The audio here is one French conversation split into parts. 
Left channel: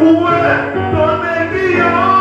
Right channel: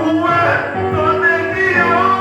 Où est ton aiguillon?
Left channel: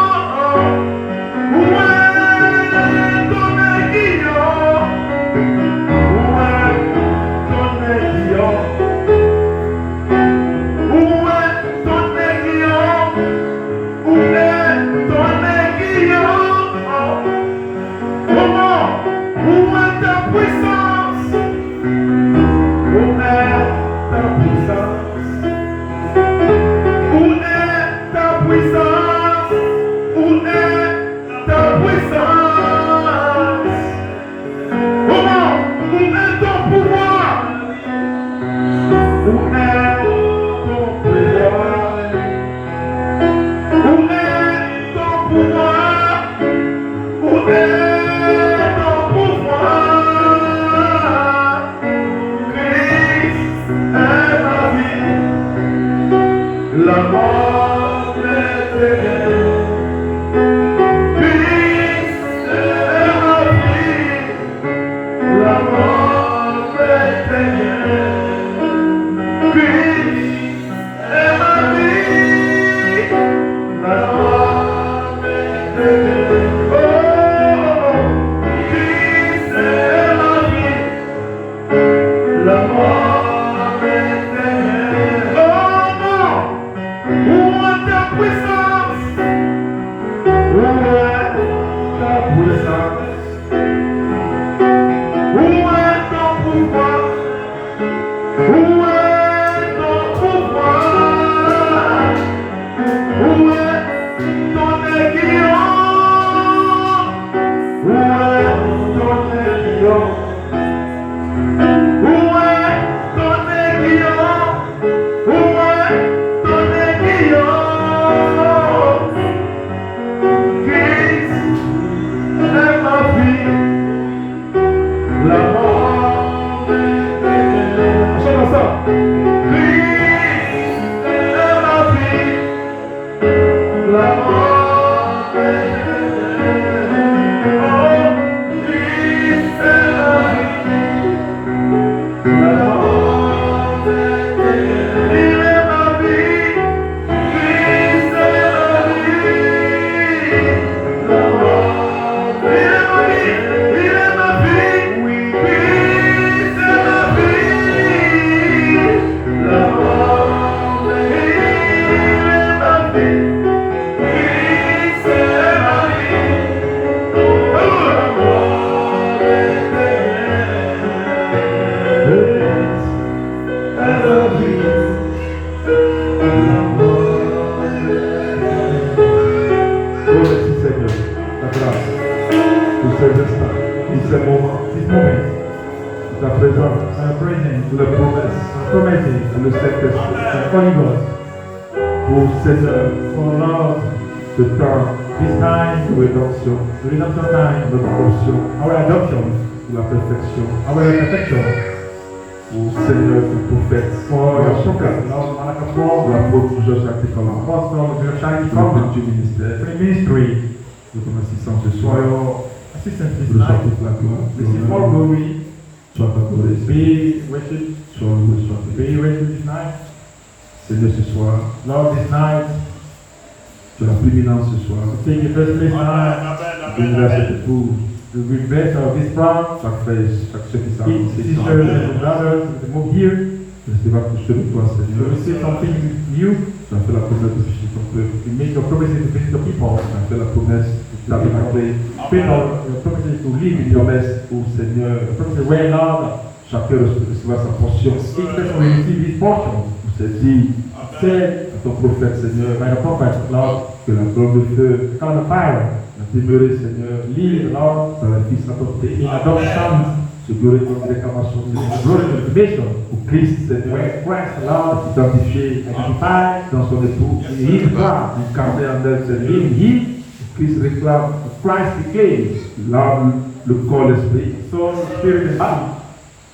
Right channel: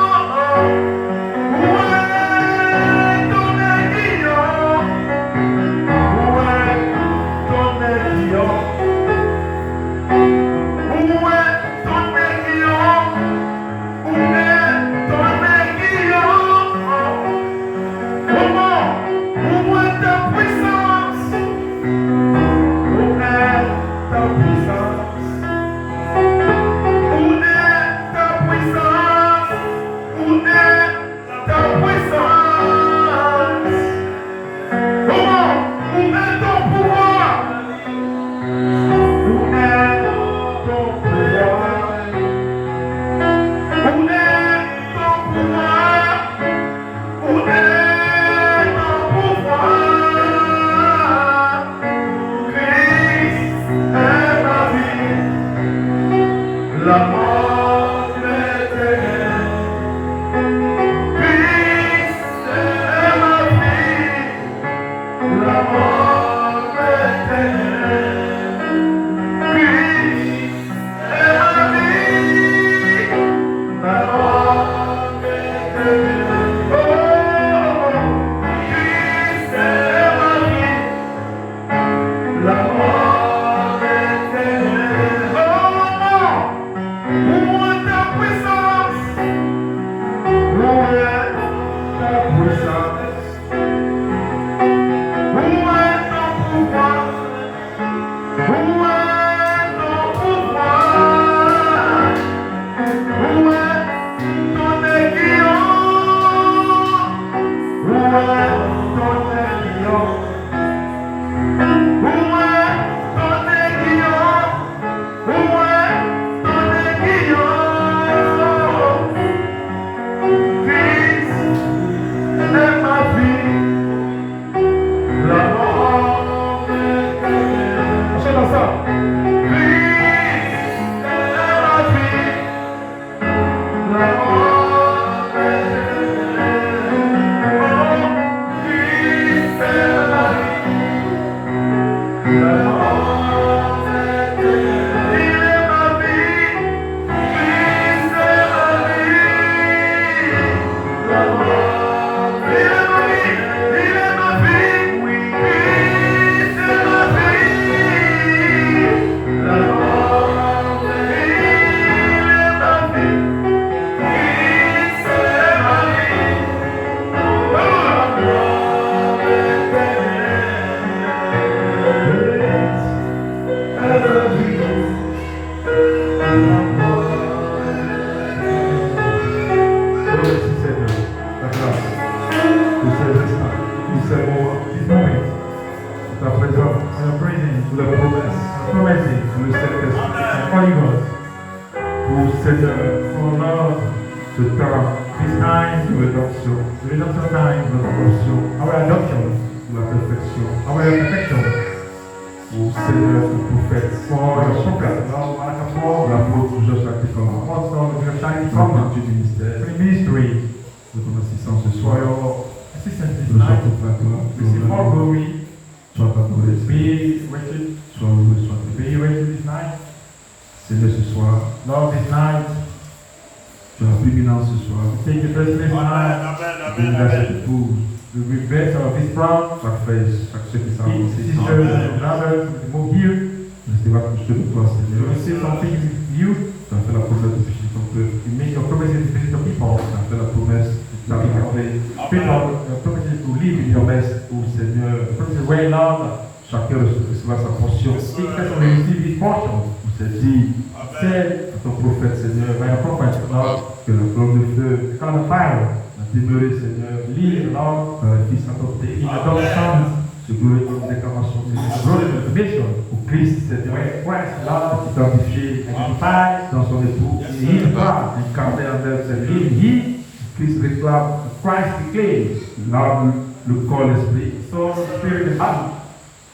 Le corps, l'esprit,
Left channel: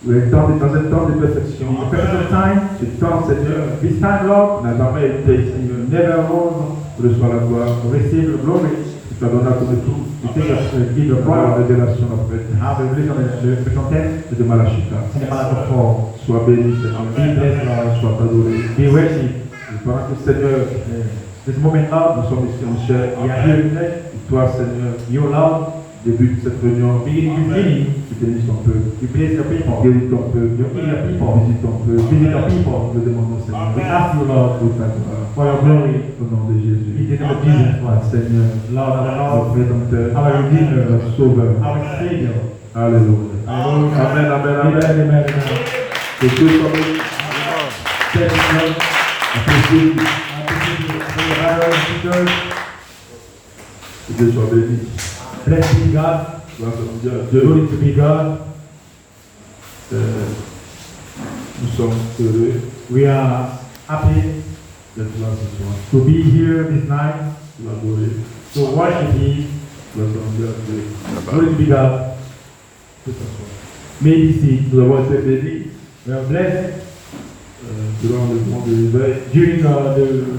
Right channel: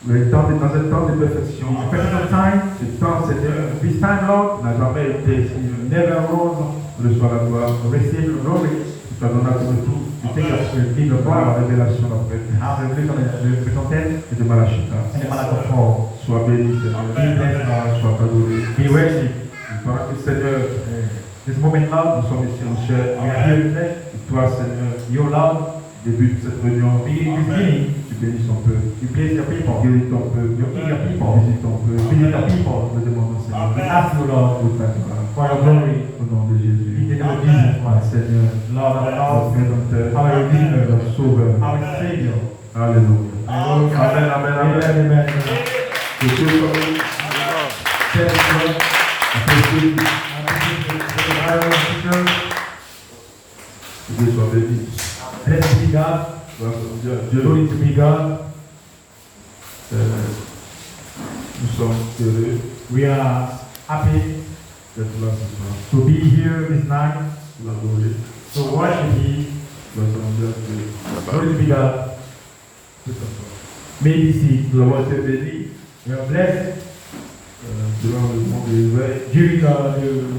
dans un temps de perfection, ce temps, Seigneur, n'a jamais été ici, never arose, reçois la gloire, receive the glory, tu t'as donné comme tout, tu t'es mis de voir la révélation après, et de Malachita. Sois béni, Seigneur, sois pardonné, be worthy. Parce que Seigneur, this moment-là, nous sommes ici, mon cher, et toi, Seigneur, your love, début de cette réunion, tu bénis ton peuple, tu guéris ton peuple, visite ton peuple, nous demandons, Seigneur, we ask you, Lord, for your glory, au nom de Jésus, Seigneur, notre Rédempteur, notre Sauveur, Alléluia. Amen, amen. Que Dieu soit béni. Que Dieu soit béni. Blessed be God. Glory to be God. Nous sommes heureux. We are happy d'être là ce soir. to be here this night. L'adorer. To worship Glory to be God. May be seen. Nous avons été bénis We are blessed durant le moment de l'éveil. during the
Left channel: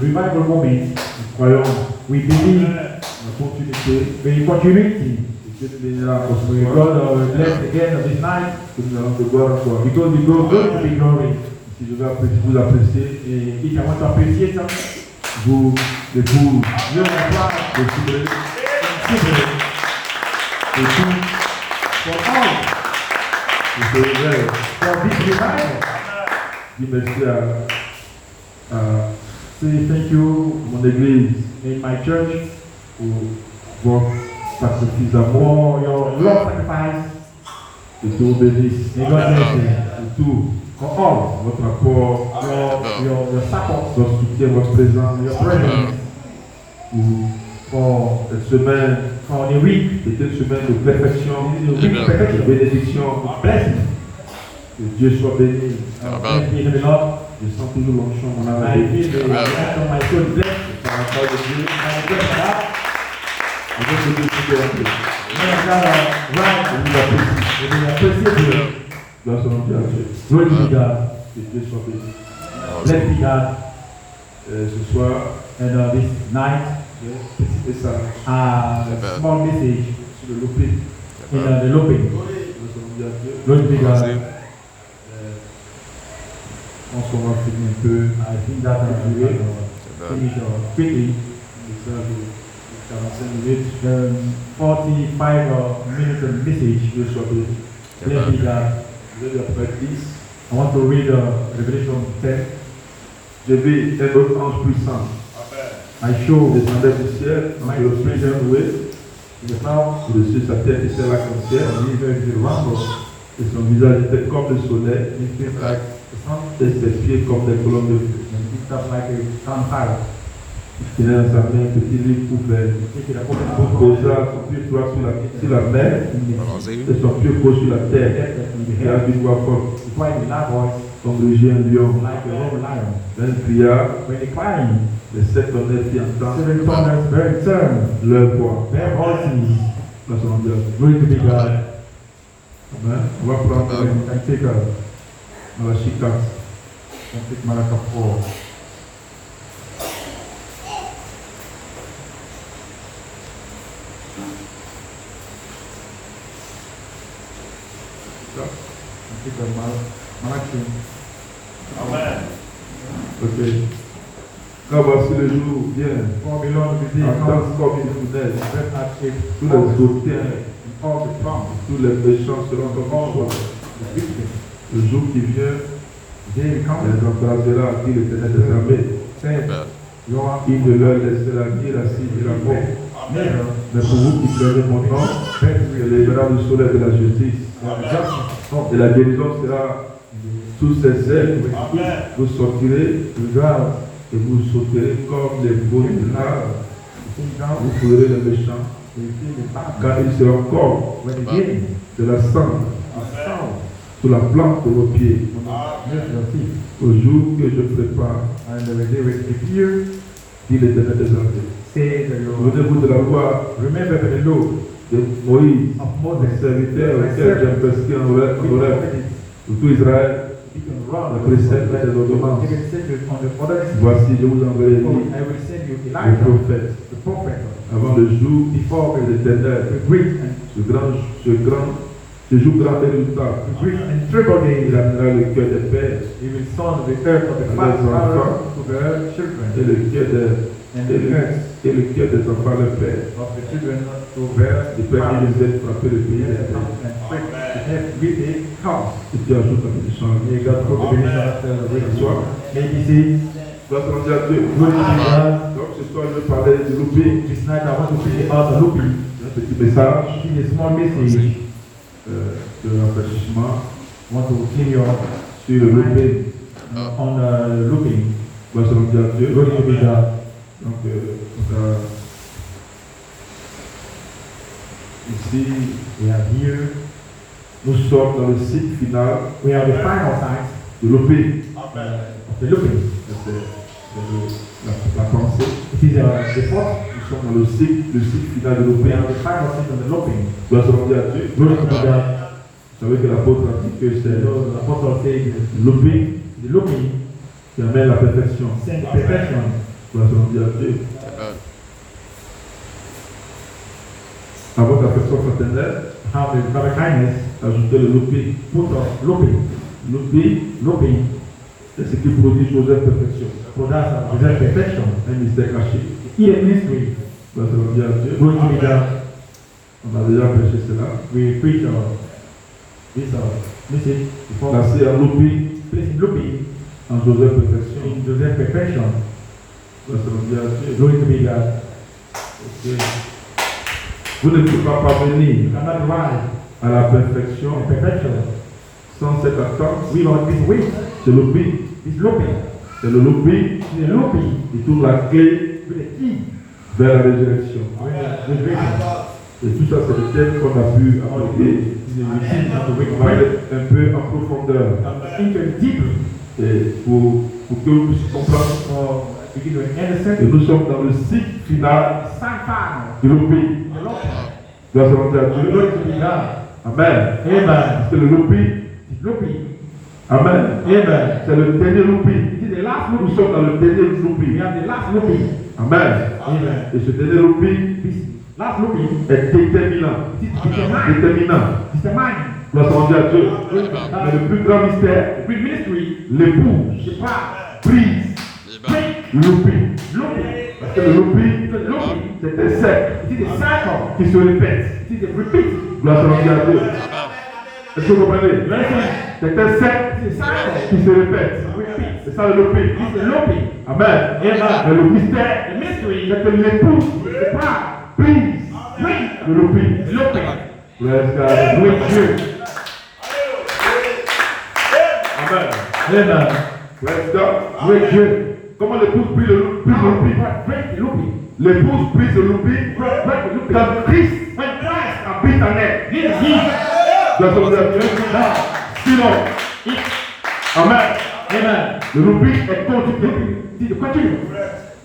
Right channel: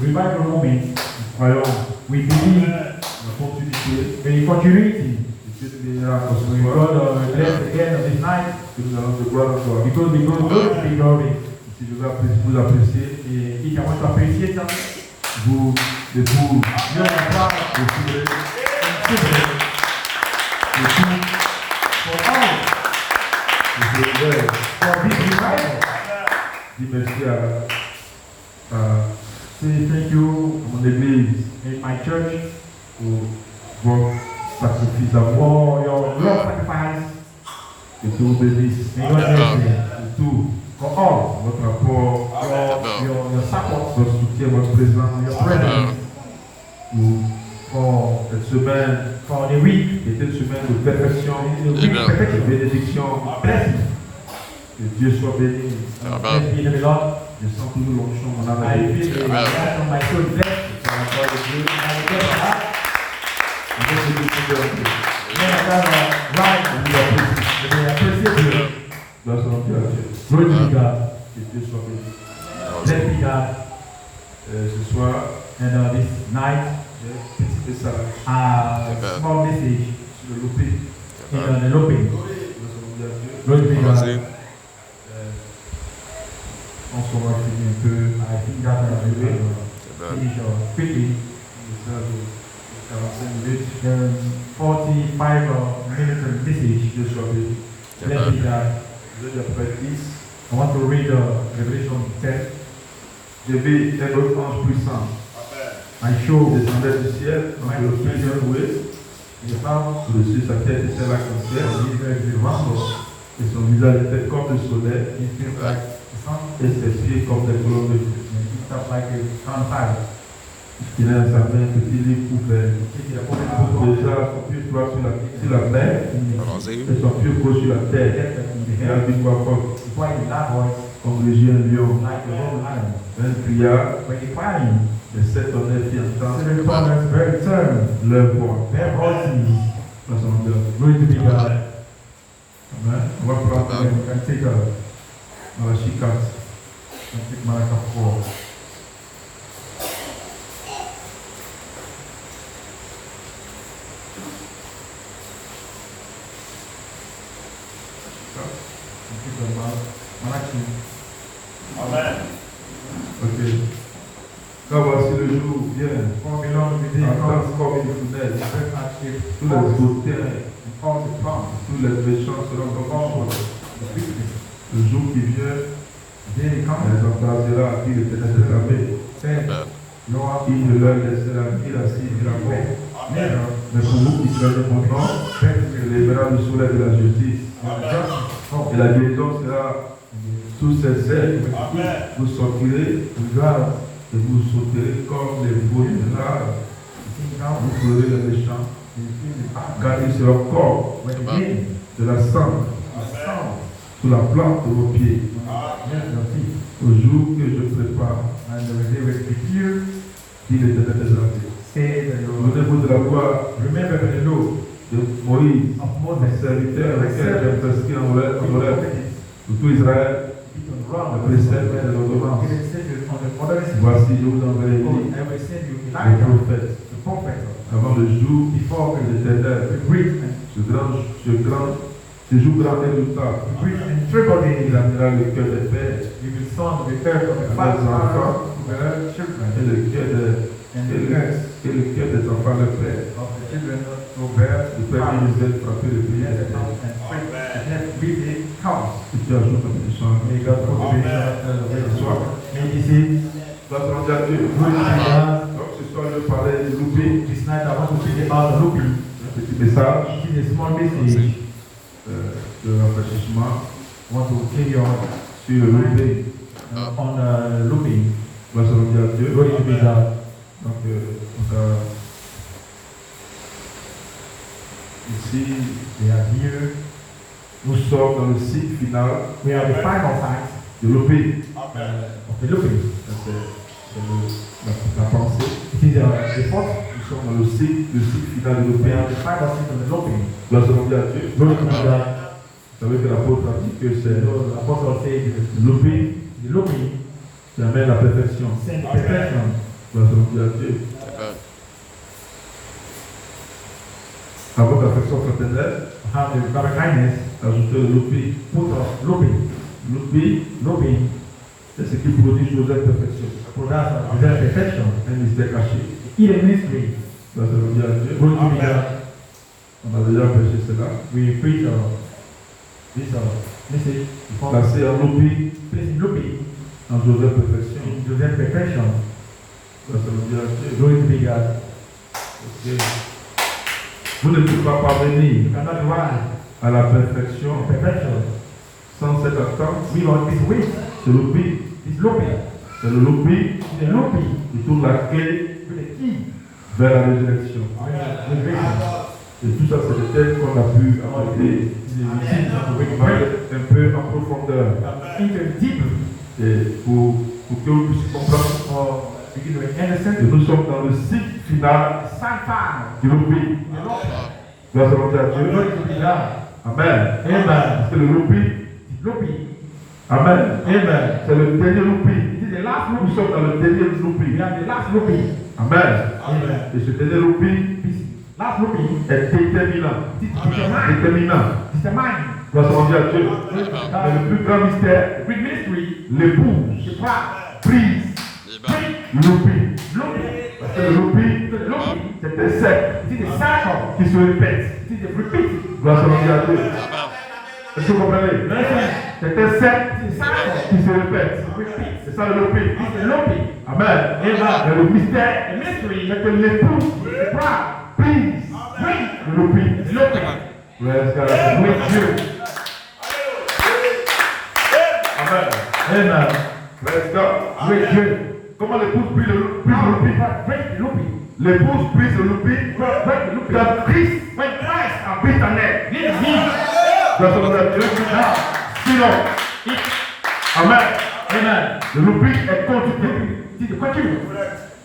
revival moment. Nous croyons We believe en continuité. the continuity. Et Dieu nous bénira encore ce We soir. God will bless again on this night Que nous allons de gloire en gloire. because we go good to be glory. Si je veux vous apprécier, Et if I want to appreciate them, vous, les vous, you are proud les filles, to et tout, for all et c'est ouvert. for this revival. Dis merci à say thank you à mon église In my church, pour votre sacrifice d'amour for your love sacrifice, et que vous bénisse. may God bless you. Et tout, For all votre apport, your support, votre soutien, votre présence, your presence, pour cette semaine for the week, qui était une semaine de perfection, the week de perfection, bénédiction. blessing. Que Dieu soit béni. Bless be the Lord. Je sens toujours l'onction en I arrière. feel the blessing of my soul blessed. Par la parole de Dieu, I get that. je veux que Dieu puisse rentrer. When I got right, Je vous apprécie. we appreciate you. Grâce à mon Dieu. Glory be God. Que Dieu soit béni. Blessed be God. Ce soir, And this night, j'ai un petit message a small message sur le lopé. in the looping. Grâce à mon Dieu. Glory be God. Je pense qu'on va finir un peu I think that we will finish quickly. un message de 45 minutes. The 45 minute message. Dieu soit béni. Blessed be God. Je vais après 10. I want to read Revelation 10. J'ai vu un autre ange puissant. I show Il descendait du ciel, entre le ciel de l'ouest, the clouds, au-dessus de sa tête était la concert, the rumble, et son visage était comme le soleil, it feels like the sun, et ses pieds comme des colonnes de feu. and it starts like a gunfire. Il a dans sa main un petit livre ouvert. Take it upon the book, Déjà, son pied droit sur la mer, Allons-y. et son pied gauche sur la terre. in the Il a head, d'une voix forte, it's quite a loud voice, comme rugit un lion. like a roaring lion. Un cria, When they crying, les sept tonnerres qui entendent seven thunders very turn, leur voix. very haughty. Dans son Dieu. Glory to be God. Amen. On va prendre Amen. You can take Malachie 4. Malachi 4. You take Malachi. Ok. Car voici le jour vient. For belong the day Entendre comes, comme une fournaise. let not shape Tous les all hautains, the tongues, tous les méchants seront comme all une chose. the victims. Le jour qui vient, The day elle comes, les embrasera, dit l'Éternel des armées. said, Lord, Il ne leur laissera ni la scie ni la mort. never Mais pour vous qui craignez mon nom, il lèvera le soleil de la justice. Et la guérison sera sous ses ailes. Vous sortirez et vous sauterez comme les veaux du nard. Vous ferez le méchant, car il sera encore de la cendre sur la plante de vos pieds. Au jour que je prépare, And the day will be here, dit l'Éternel des armées. say that you will Souvenez-vous de la voix remember the law de Moïse, of mon Moses, serviteur, auquel j'ai prescrit en Horeb pour tout Israël, le précepte et les ordonnances. He will send you on the other side. Voici, je vous enverrai I lui, will send you le Elijah, prophète, the prophet, avant le jour before de the l'Éternel, great and ce jour grand et redoutable. triple Il day. amènera le cœur des pères He will sound the third of the father to the et children, le cœur and the earth des enfants leur père. of the children to bear Le père qui les aide frapper le pays des terres. and straight the next beauty comes. Et tu ajoutes la bénédiction. May God put the benediction of the way. May he see. Grâce à Dieu. Glory to God. Donc ce soir, je parlais de louper. This night I want to speak about the looping. Un petit message Give a small message. de rafraîchissement I want to clean your sur le loupé. on looping. Grâce à Dieu. Glory to be God. Donc, on va ici, We are here. nous sommes dans le cycle final We are the final side de l'OP. of the looping. C'est la pensée. It is the fourth. Nous nous sommes dans le cycle final de We l'Opé. are the final season of looping. Gloire à Dieu. Glory to God. Vous savez que l'apôtre a dit que c'est So the apostle said, l'Opé the looping qui amène la perfection. sends perfection. Gloire à Dieu. Avant l'affection fraternelle, Have the brother kindness, ajoutez le l'Opé. put of looping. L'Opé, c'est ce qui produit Joseph perfection. Produce of perfection. Un mystère caché. Hidden mystery. Gloire à Dieu. Glory to God. On a déjà prêché cela. We preach this message before. Placé en l'Opé, Place looping en Joseph perfection. in Joseph perfection. Gloire à Dieu. Glory to God. Ok. Vous ne pouvez pas parvenir You cannot rise à la perfection to perfection sans cette attente. without this weight. C'est l'Opé. This looping. C'est le l'Opé The looping qui trouve la clé with the key. vers la résurrection. Resurrection. Et tout ça, c'est le thème qu'on a pu aborder. On va aller un peu en profondeur. Enter deeper Et pour que vous puissiez comprendre or begin to understand que nous sommes dans le cycle final sometime de l'Opé. the looping. Grâce à Dieu. Glory to God. Amen. Amen. C'est le l'Opé. This looping. Amen. Amen. C'est le dernier l'Opé. It is the last Nous looping. sommes dans le dernier We l'Opé. are the last looping. Amen. Amen. Et ce dernier l'Opé This last looping est déterminant. is determined. Déterminant. Determined. Grâce à Dieu. Glory to Mais God. le plus grand mystère, The big mystery l'épouse is power. prise l'Opé. Looping. Parce que le l'Opé, c'est un cercle It is a cycle. qui se répète. It is a repeat. Grâce à Dieu. Est-ce que vous comprenez? C'est un cercle It is a cycle. qui se répète. Repeat. C'est ça le l'Opé. It's a looping. Amen. Mais le mystère, The mystery c'est que l'épouse is the power. prise le l'Opé. Looping. Bless God. With Dieu. Amen. Amen. Bless God. With Dieu. Comment l'épouse prise le l'Opé? Break the looping. L'épouse prise le l'Opé Break the looping. quand Christ When Christ habite en elle. lives in you. Grâce à Dieu. Sinon, Amen. Amen. Le l'Opé est continu. It is a continuum.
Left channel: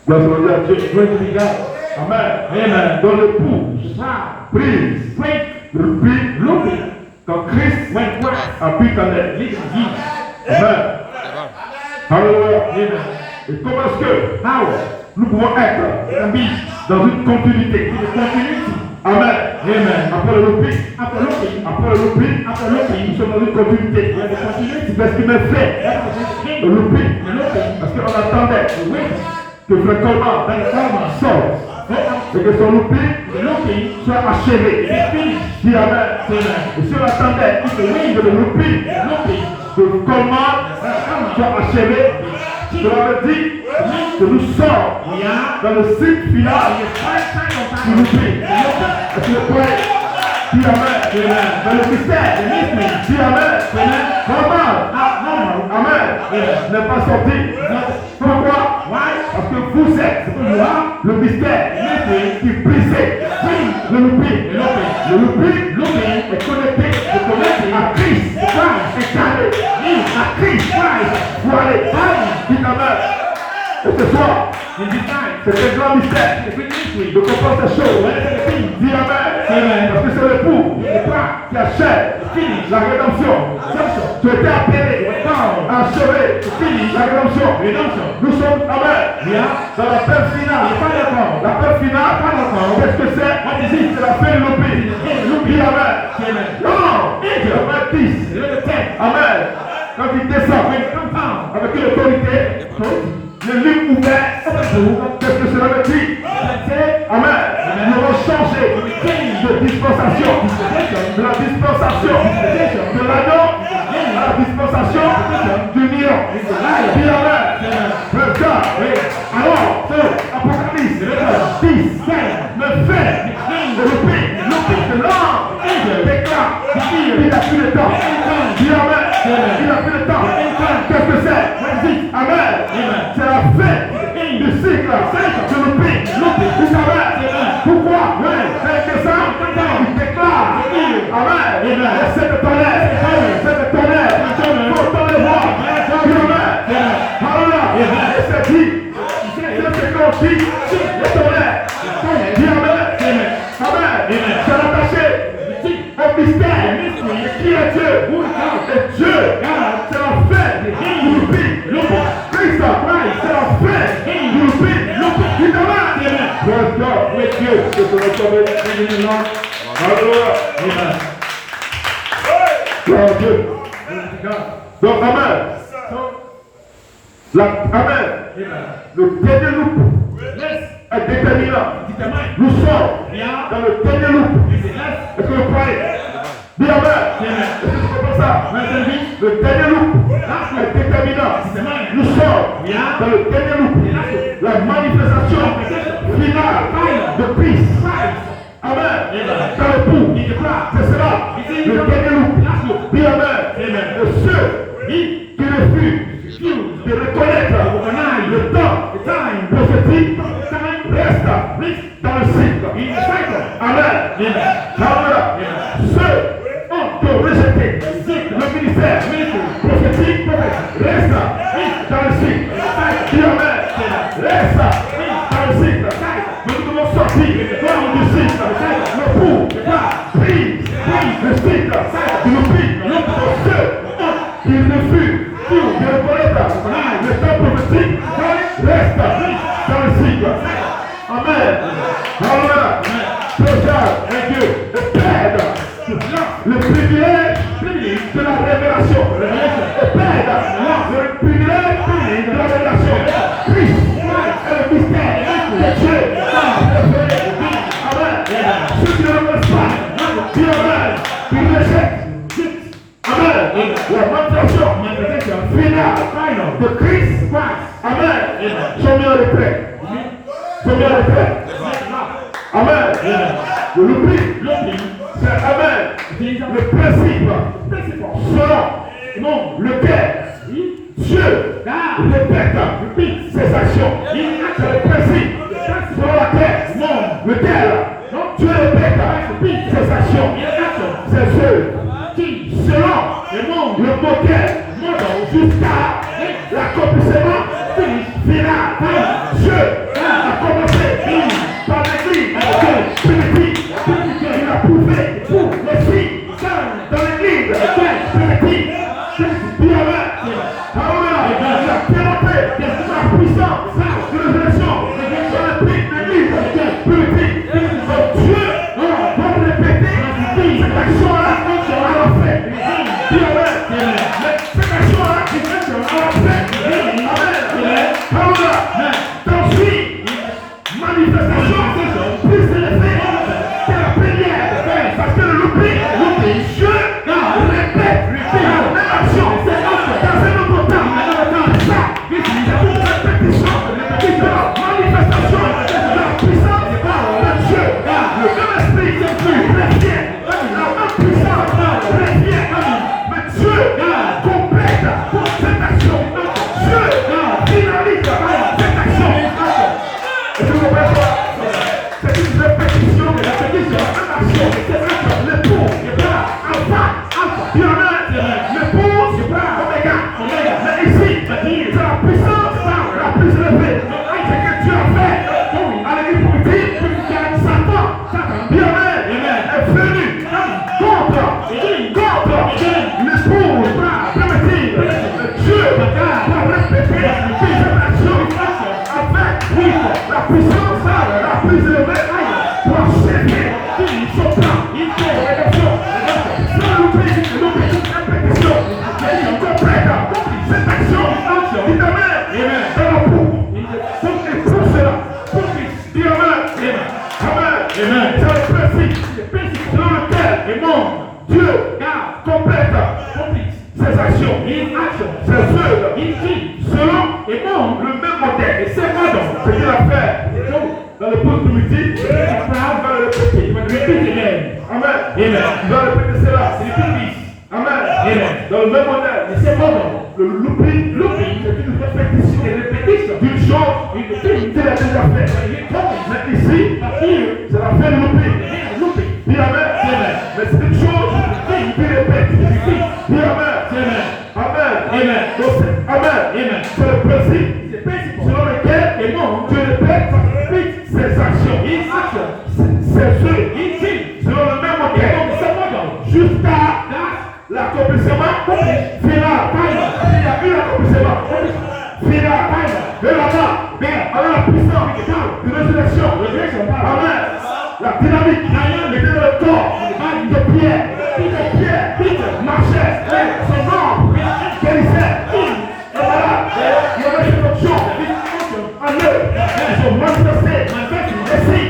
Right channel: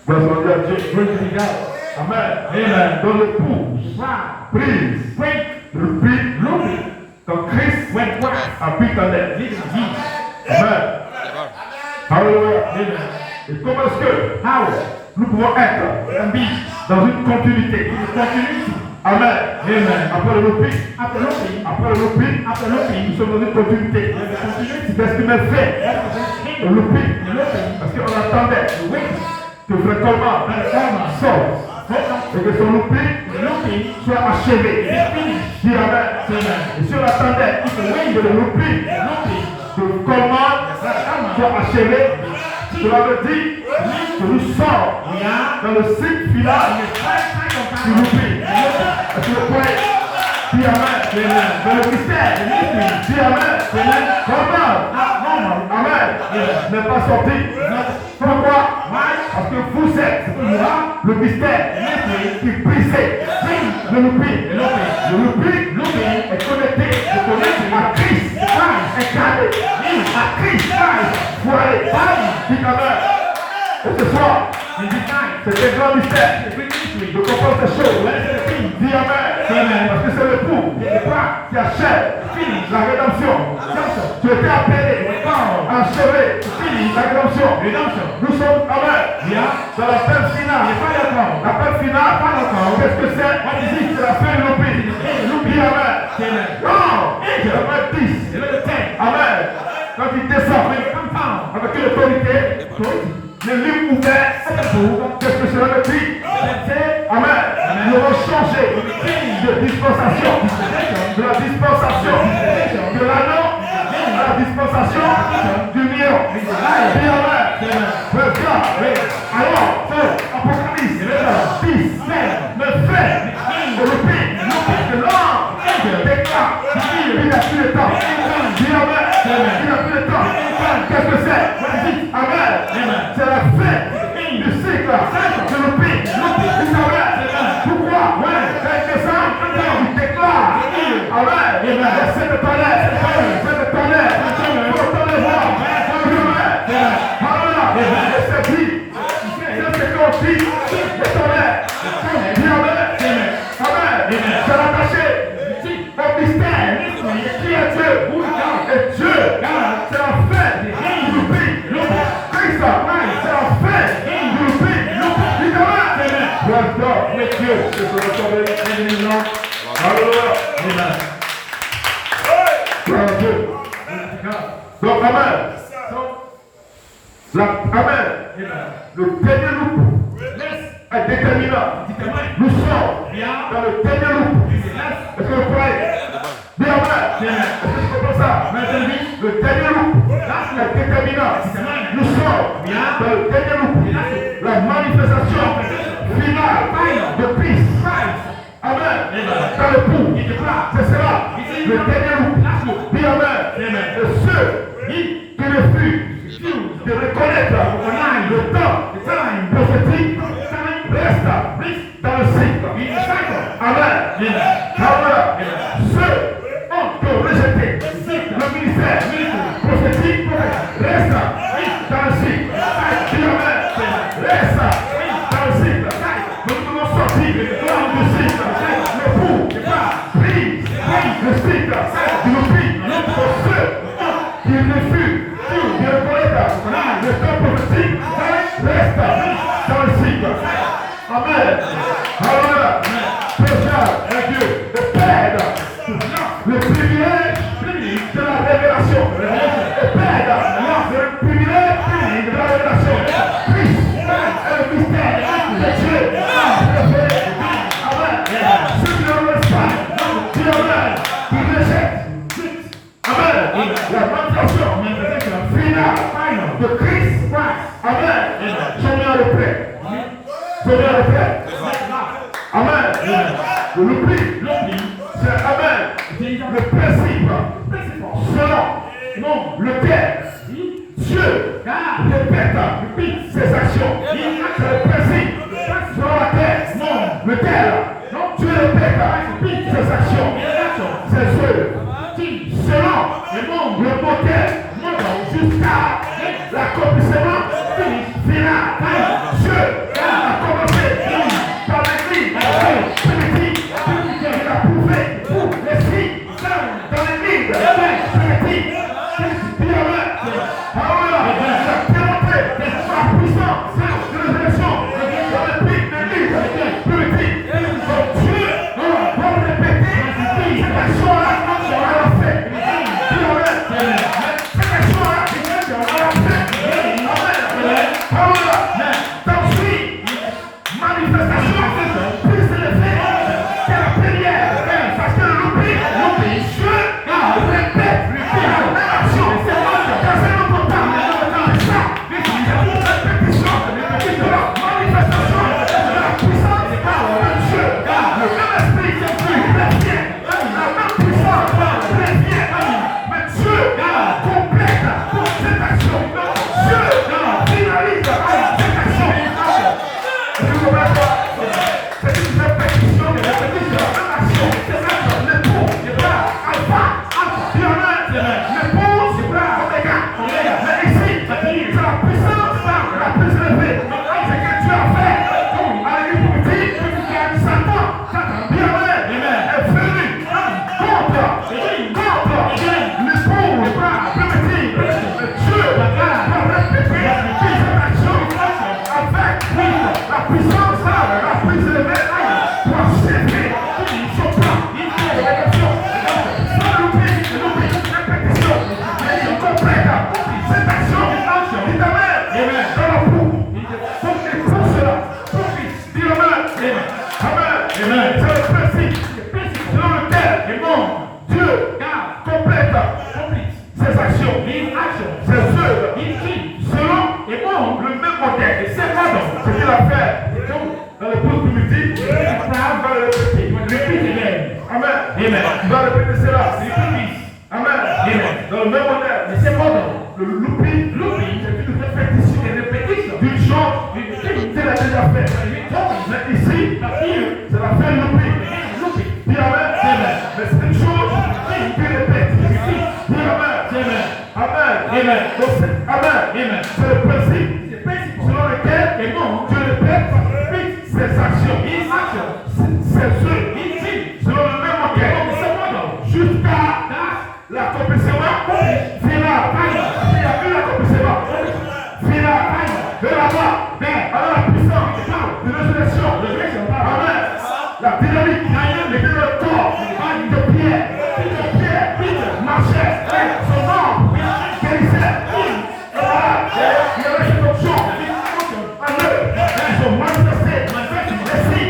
Grâce à Dieu. Glory to God. Amen. Amen. Donc l'épouse Wow. prise Break le l'Opé looping. quand Christ When Christ habite en elle. lives in you. Amen. Alléluia. Amen. Et comment est-ce que How nous pouvons être can be dans une continuité? continuity. Amen. Amen. Après le l'Opé, After looping. après le l'Opé, nous sommes dans une continuité. C'est ce qui m'a fait le l'Opé. Parce qu'on attendait que Frère Coleman sorte et que son l'Opé soit achevé. Dis Amen. Et si on attendait que le l'Opé que Coleman soit achevé, cela veut dire que nous sommes dans le cycle final du l'Opé. Est-ce que vous croyez? Dis Amen. Dans le mystère. Dis Amen. Normal. Amen. N'est pas sorti. Pourquoi? Parce que vous êtes le mystère qui brisait le l'Opé. Le l'Opé est connecté à Christ incarné. À Christ voilé. Dis Amen. Et ce soir, c'est un grand mystère de comprendre ces choses. Dis Amen. Parce que c'est l'époux qui achève la rédemption. Tu étais appelé à achever la rédemption. Nous sommes Amen. Dans l'appel final. L'appel final, qu'est-ce que c'est? C'est la fin de l'Opé. Dis Amen. Non. Amen 10. Amen. Quand il descend avec une autorité, le livre ouvert, qu'est-ce que cela veut dire? Amen. Nous allons changer de dispensation, de la dispensation de l'anneau à la dispensation du lion. Dis Amen. Le gars, alors, Apocalypse 10, 9, fait, et le pays, de l'homme, déclare, il n'a plus le temps. Dis Amen. Il n'a plus le temps. Qu'est-ce que c'est? Amen. C'est la fin du cycle de l'Opé. Pourquoi? C'est que ça, il déclare. Amen. C'est de tonnerre. C'est de tonnerre. Faut dans les voix. Amen. Et c'est dit. C'est ce qu'on dit. Les tonnerres. Et Dieu, c'est la fin du loupé. Christ, c'est la fin du loupé. Praise God. With you. Alléluia. Gloire à Dieu. Donc, amen. Amen. Le dernier loup est déterminant. Nous sommes dans le dernier loup. Est-ce que vous croyez? Dis amen. Est-ce que c'est comme ça? Le dernier loup est déterminant. Nous sommes dans le dernier loup. La manifestation finale de Christ. Amen. Dans le bout. C'est cela. Le dernier loup. Dis amen. Et ceux qui refusent de reconnaître le temps prophétique reste dans le cycle. Amen. Ceux qui ont rejeté le ministère prophétique reste dans le cycle. Amen. Reste dans le cycle. Nous devons sortir du cycle. Le pour prise le cycle du loup pour ceux qui refusent de reconnaître le temps prophétique reste dans le cycle. Amen. Alléluia. Présent Dieu et perdre le privilège de la révélation. Et perdre le privilège de la révélation. Christ est le mystère de Dieu. Amen. Ceux qui ne reconnaissent pas, qui rejettent, qui rejettent. Amen. La manifestation finale de Christ. Amen. Je viens de paix. Je viens de paix. Amen. Le loup, c'est Amen. Le principe selon lequel Dieu répète ses actions. C'est le principe selon lequel Dieu répète ses actions. Ses œuvres. Selon le modèle jusqu'à l'accomplissement final. Dieu a commencé par l'Église primitive. Il a prouvé les signes dans l'Église primitive. Il a présenté la puissance de l'élection dans l'Église primitive. Donc Dieu doit répéter cette action-là à la fin. Cette action-là à la fin. Manifestation plus élevée que la première. Parce que le loupé, Dieu répète la même action dans un autre temps. C'est ça. C'est une répétition de la manifestation de la puissance de Dieu. Le même esprit revient. La même puissance revient. Mais Dieu complète cette action. Dieu finalise cette action. C'est une répétition de l'action. C'est le pour, alpha, le pour, oméga. Mais ici, c'est la puissance la plus élevée. C'est que Dieu a fait à l'église primitive. Satan, bien est venu contre le pour primitif. Dieu doit répéter cette action avec la puissance la plus élevée pour achever son plan. Sans louper, répétition, et complète cette action. Dites Amen. Dans la boue. Et pour cela, dis Amen. Amen. C'est le principe selon lequel Dieu complète ses actions, ses œuvres, selon le même modèle. Et c'est moi ce qu'il a fait dans le peuple primitif. Abraham va le répéter. Amen. Il va répéter cela. Amen. Dans le même modèle. Mais c'est bon. Le louping, c'est une répétition d'une chose qu'il a déjà fait. Mais ici, c'est la fin de louping. Dis Amen. Mais c'est une chose qui répète. Dis Amen. Amen. Donc c'est Amen. C'est le principe selon lequel Dieu répète ses actions. Ses œuvres. Selon le même modèle. Jusqu'à l'accomplissement dynamique, était le corps de Pierre. Pierre marchait, son nom guérissait. Et voilà, il y avait cette option en eux, ils ont manifesté. Et si,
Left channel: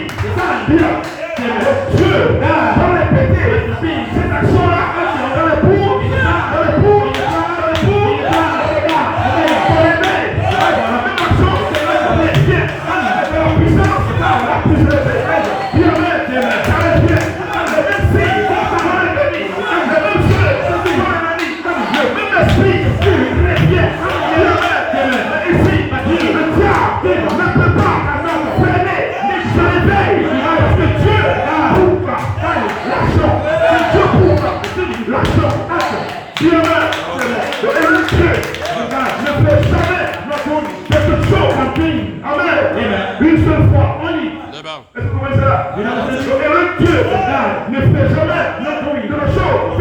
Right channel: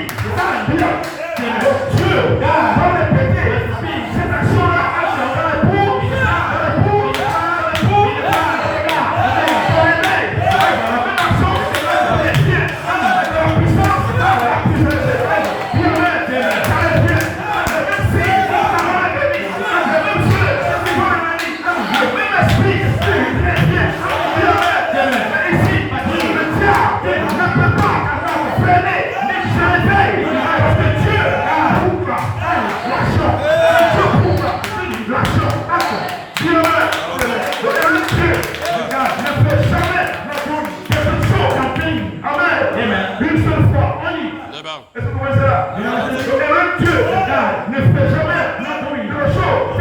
Dieu va répéter cette action-là, dans le pour, une seule fois, est-ce que vous voyez cela? Le Dieu ne fait jamais de la chose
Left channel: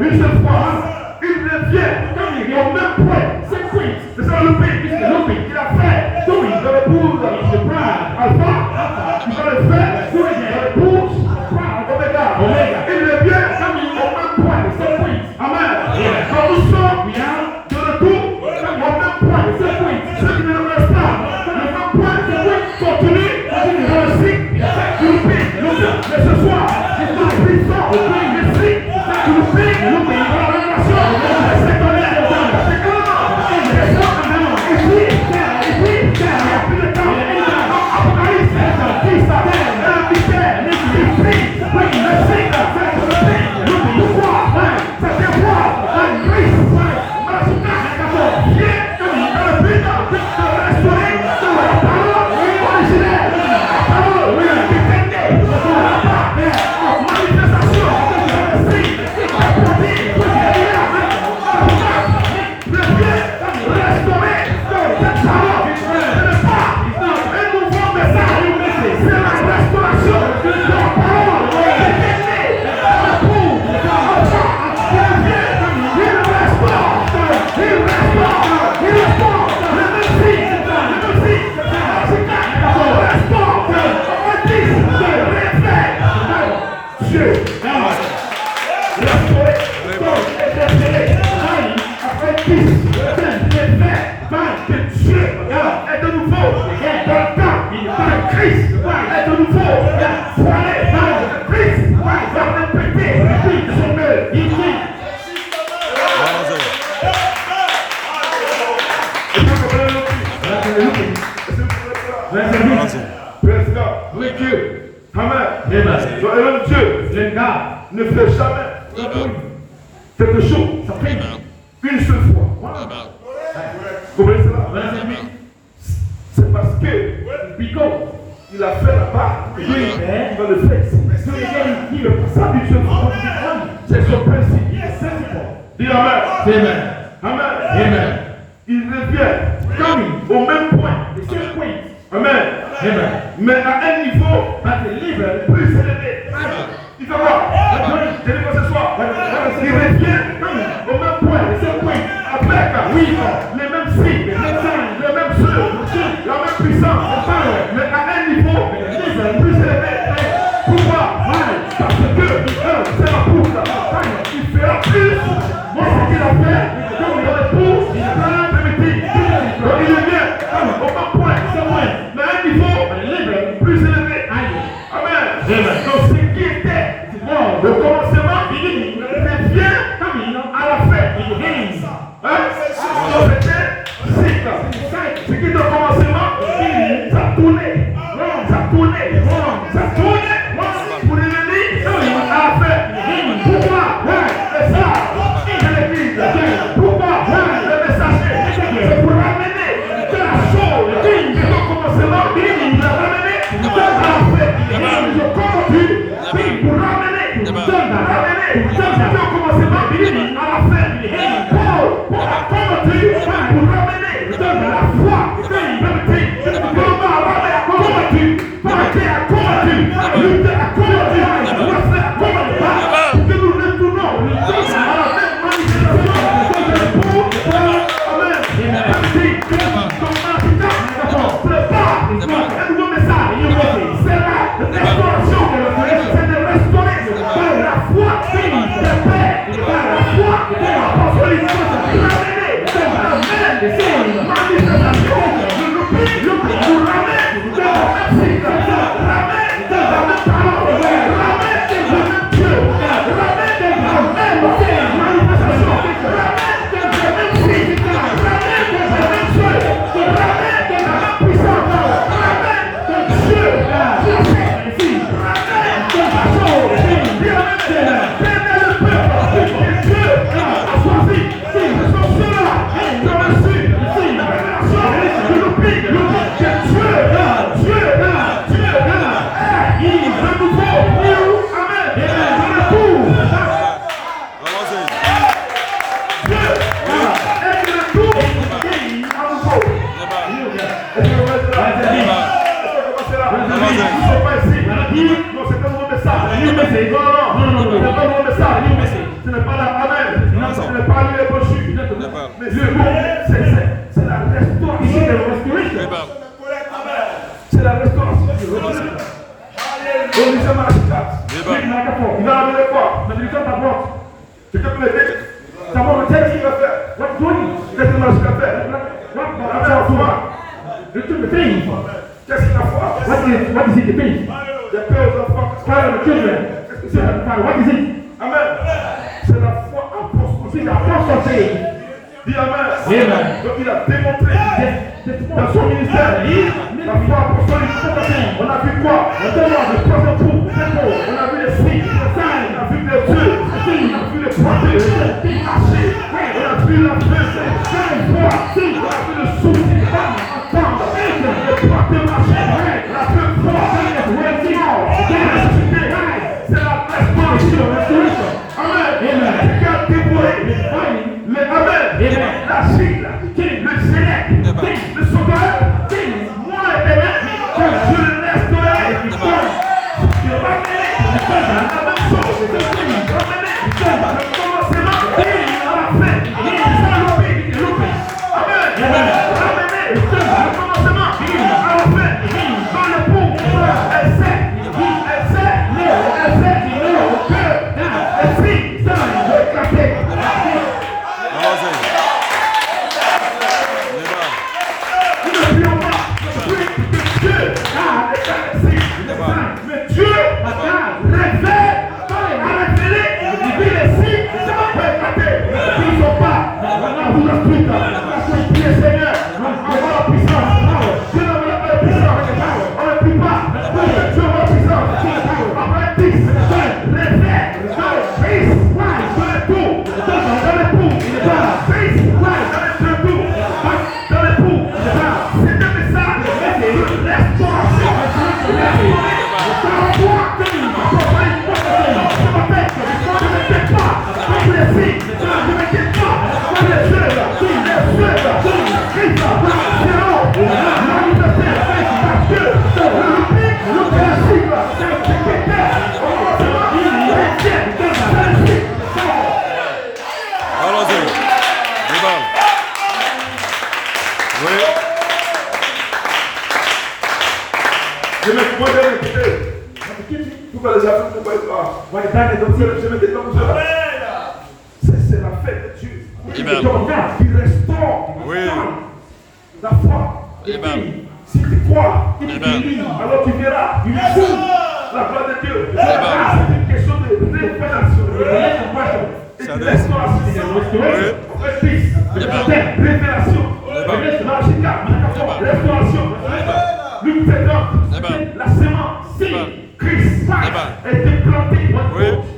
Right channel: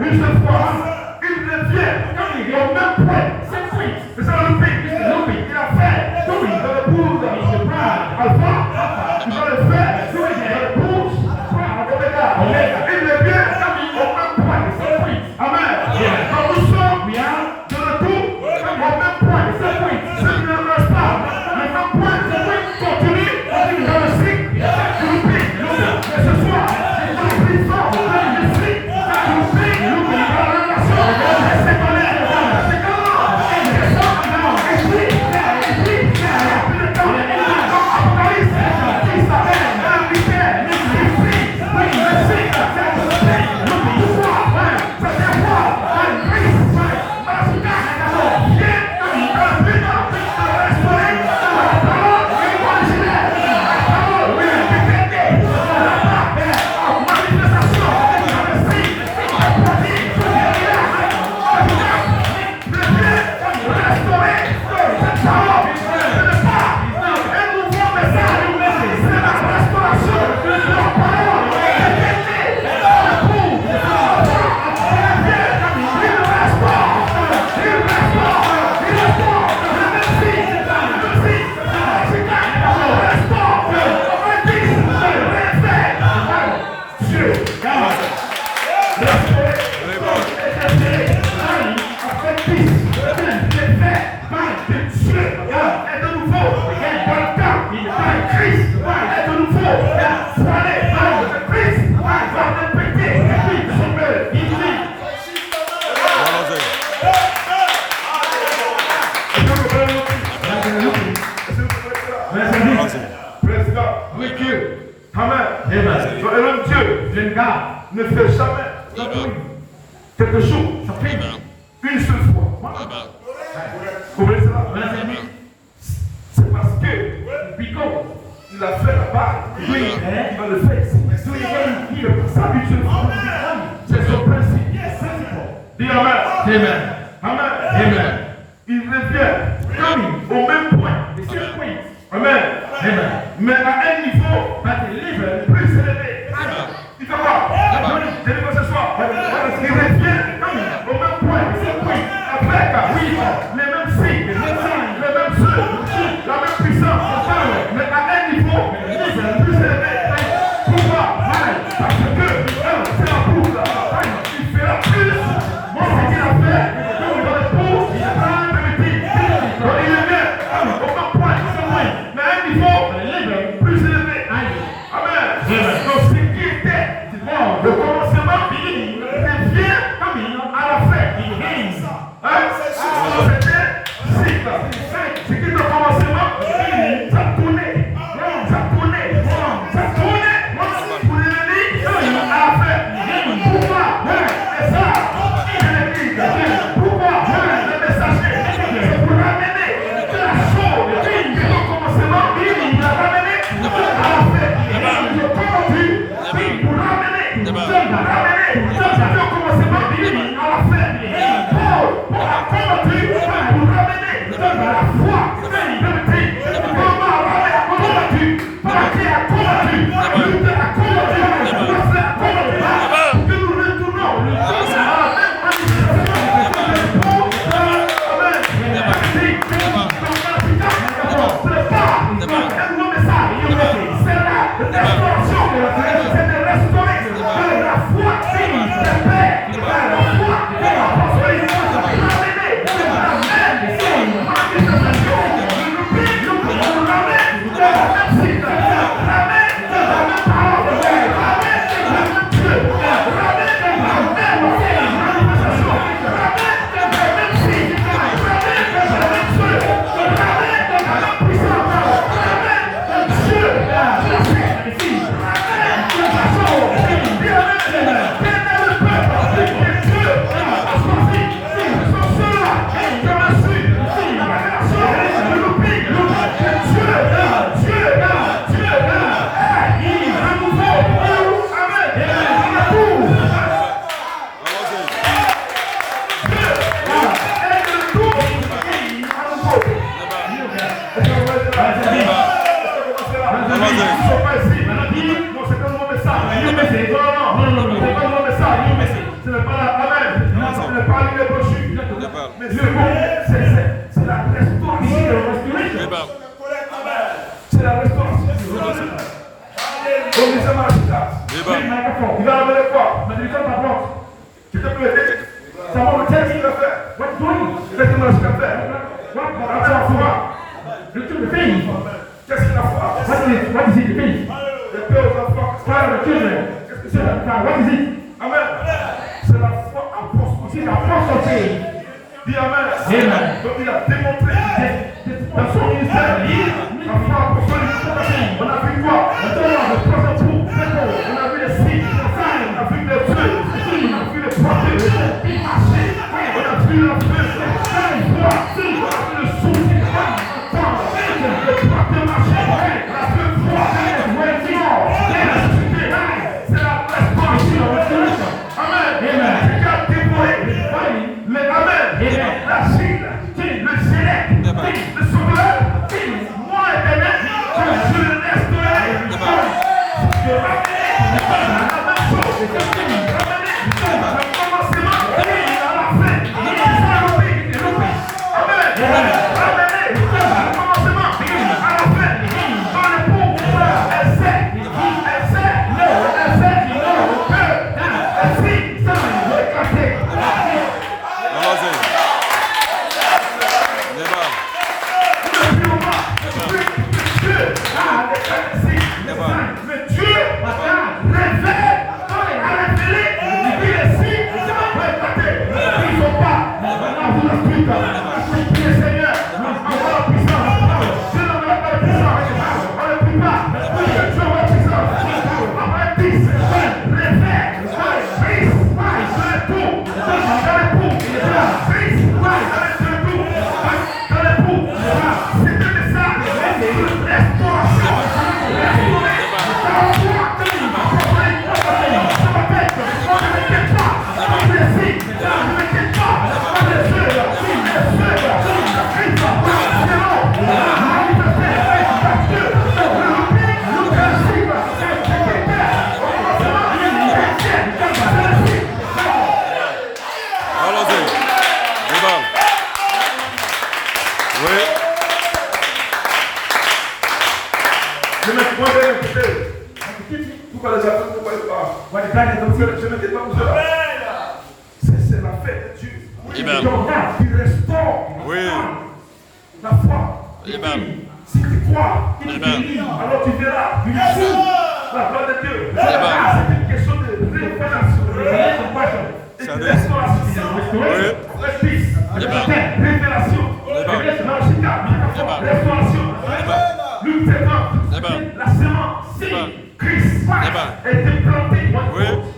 une seule fois. Il revient au même point. C'est ça le pays. Il a fait le pour Alpha. Il va le faire pour Oméga. Il revient au même point. Amen. Quand nous sommes de retour au même point. Ce qui ne reste pas. Le même point continue dans le cycle du pays. Mais ce soir, c'est la puissance du cycle du pays. Ne fait jamais quelque chose une seule fois. Vous comprenez ça? C'est parce que il a fait la part, il va le faire. Ça d'une seule fois. C'est son principe. Dis Amen. Amen. Il revient au même point. Amen. Mais à un niveau plus élevé. Il va voir. Je vais voir ce soir. Il revient au même point. Avec les mêmes signes, les mêmes choses, la même puissance, mais à un niveau plus élevé. Pourquoi? Parce que c'est la poule. Il fera plus. Moi, ce qu'il a fait, dans le pot, il prend de l'épée. Donc il revient au même point. Mais à un niveau plus élevé. Amen. Donc ce qui était le commencement, il revient à la fin. Ce qui est le commencement, ça tournait. Pour l'ennemi, à la fin. Pourquoi? C'est ça. C'est l'église. Pourquoi? Le messager. C'est pour ramener de la chose. Le commencement, il a ramené à la fin. Il a convaincu pour ramener. Le commencement, à la fin. Pour convaincu pour ramener à la foi. ça. Non, non, c'est pas le message. Ce n'est pas la amen. Ce n'est pas les brochures. Mais le mot, c'est la restauration. C'est la restauration. Et nous sommes à la il a amené quoi? Mais il est à porte. Quelqu'un peut m'aider? Ça va me dire ce qu'il va faire. Qu'est-ce qu'il va faire? Qu'est-ce que la foi? What is it, the faith? La paix aux enfants. Qu'est-ce que c'est? What is it? Amen. C'est la foi apostolique. C'est la foi faith. Dis amen. Donc il a démontré dans son ministère la foi apostolique. On a vu quoi? On a vu les signes. On a vu les dieux. On a vu les portées. On a vu la paix. On a vu le souffle. Pourquoi les Africains ne voient pas? Je me détends cela. C'est la fête de Dieu. Il restaure la foi. Si tu crois, alors tu verras la gloire de Dieu. C'est une question de révélation. Restauration. Luc 7 la sémence. Christ a été planté pour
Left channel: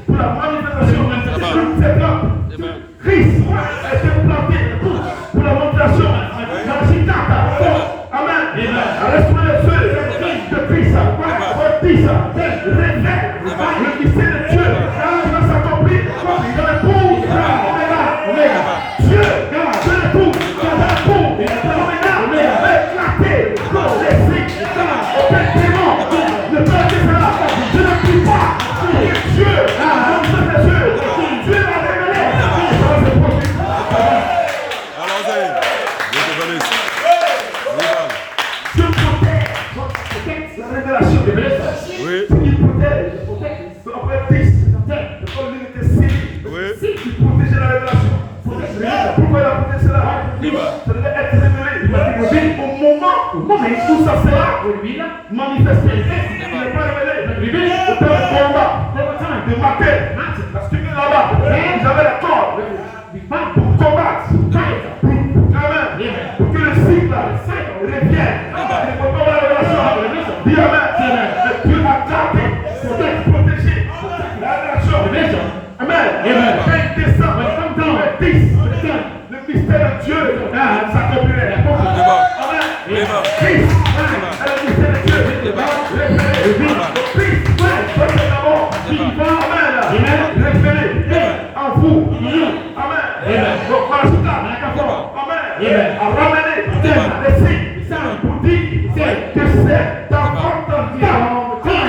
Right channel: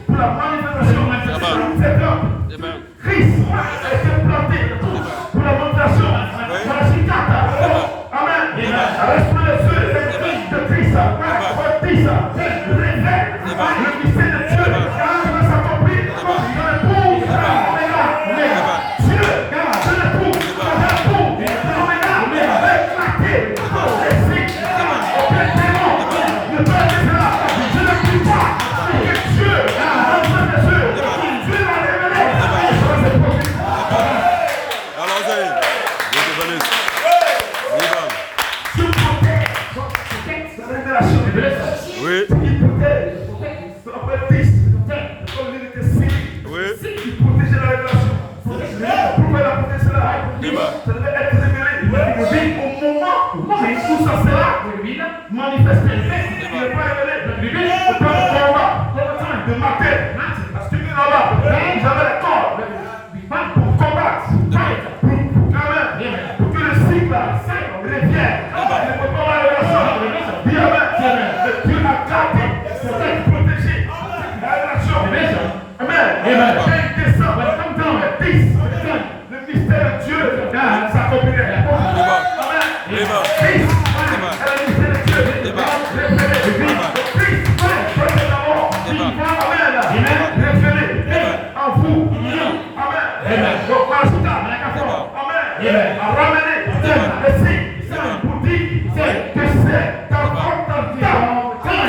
la manifestation. Christ a été planté pour la manifestation. Amen. Restez les yeux de Christ. Révèle le mystère de Dieu. Il va s'accomplir dans le pour. Dieu, dans le pour. Où ça sera manifesté. Il n'est pas révélé. Au temps de combat, de maquette. Parce que tu es là-bas. J'avais la corde pour combattre. Pour que le cycle revienne. Il ne peut pas avoir la relation. Dis amen. Dieu a gardé pour être protégé. La relation. Amen. 20 décembre 2010. Le mystère de Dieu s'accomplirait.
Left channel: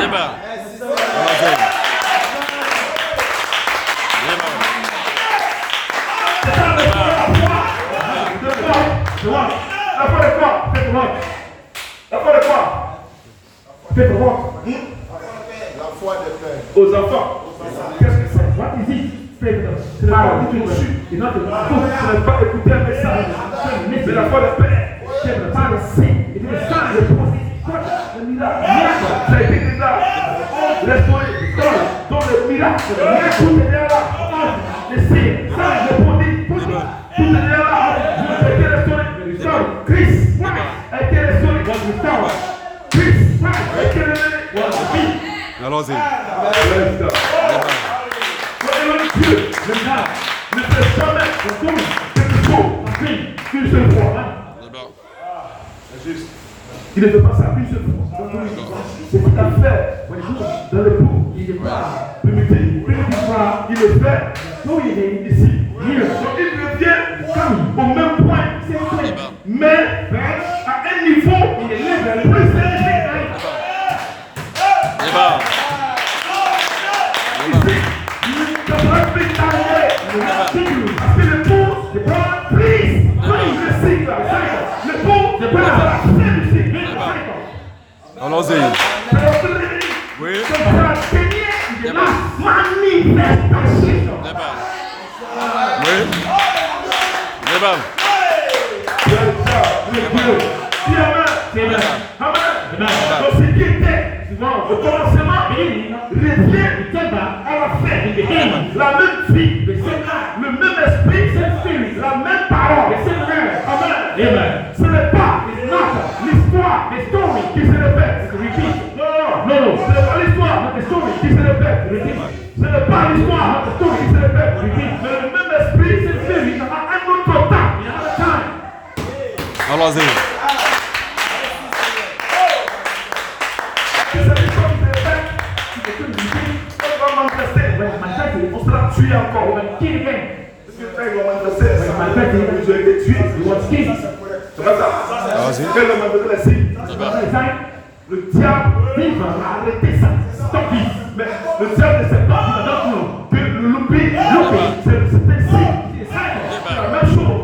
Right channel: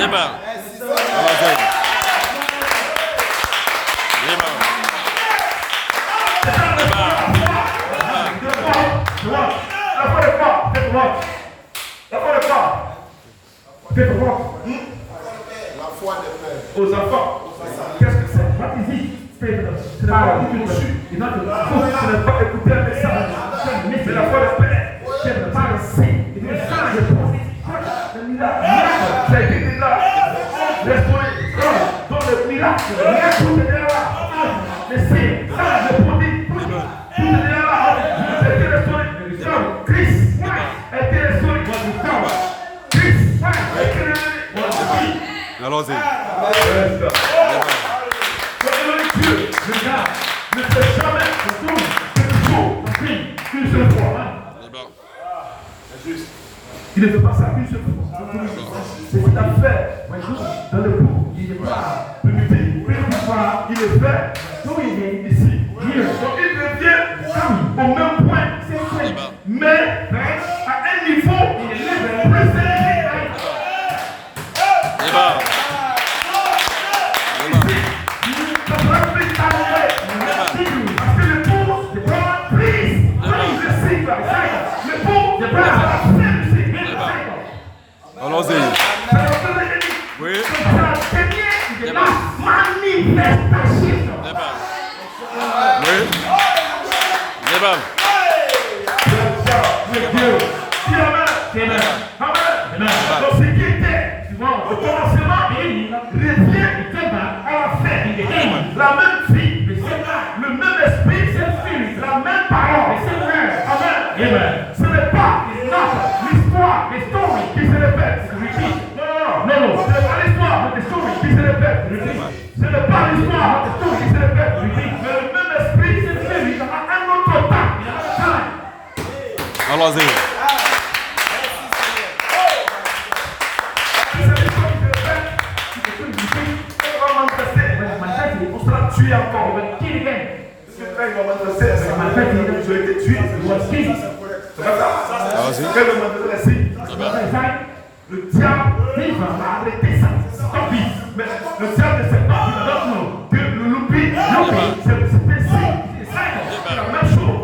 Amen. Amen. aux enfants. Qu'est-ce que c'est? Ce n'est pas écouter un message, mais la foi de Père. C'est le miracle. C'est écrit déjà. L'esprit, donc le miracle, tout est déjà là. Les signes, le produit, tout est déjà là. Christ a été restauré. Christ a été restauré. Allons-y. Dieu, maintenant, ne fait jamais quelque chose qu'une seule fois. Il ne fait pas ça qu'une seule fois. C'est ce qu'il a fait dans le bout. Il n'est pas limité. Il le fait ici. Donc il revient au même point. Mais à un niveau plus élevé. Allons-y. Oui. Oui. Donc ce qui était au commencement revient à la fin. La même vie, le même esprit, la même parole. Amen. Ce n'est pas l'histoire qui se répète. Non, ce n'est pas l'histoire qui se répète. Ce n'est pas l'histoire qui se répète. Mais le même esprit, il y a un autre temps. Allons-y. On sera tué encore. J'ai été tué. Le diable a arrêté ça. Mais le diable ne sait pas que le loupi, c'est ainsi. C'est la même chose.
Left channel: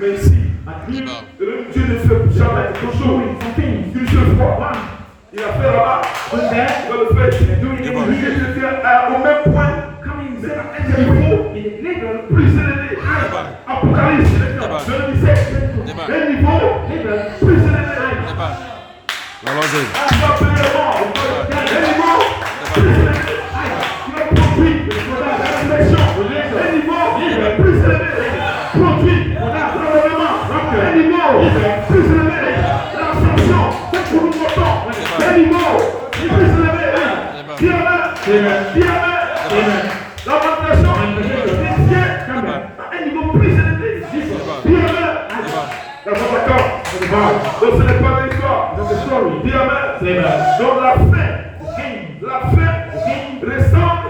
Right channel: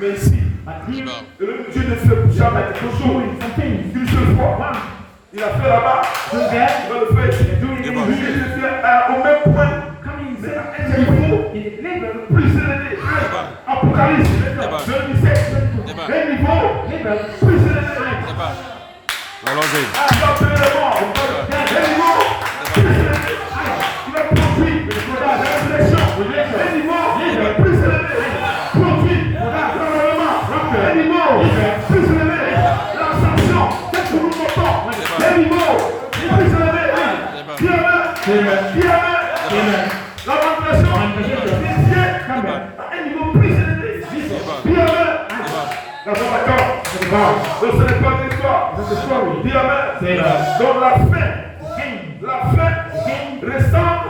Mais ici, Dieu ne fait jamais toujours Il a fait là-bas. Il va le faire ici. Débat. Lui, il était au même point. Mais à un niveau plus élevé. Apocalypse. Débat. Je le disais. Débat. Un niveau plus élevé. Débat. Allons-y. Donc ce n'est pas l'histoire. Dis amen. Donc la fin ressemble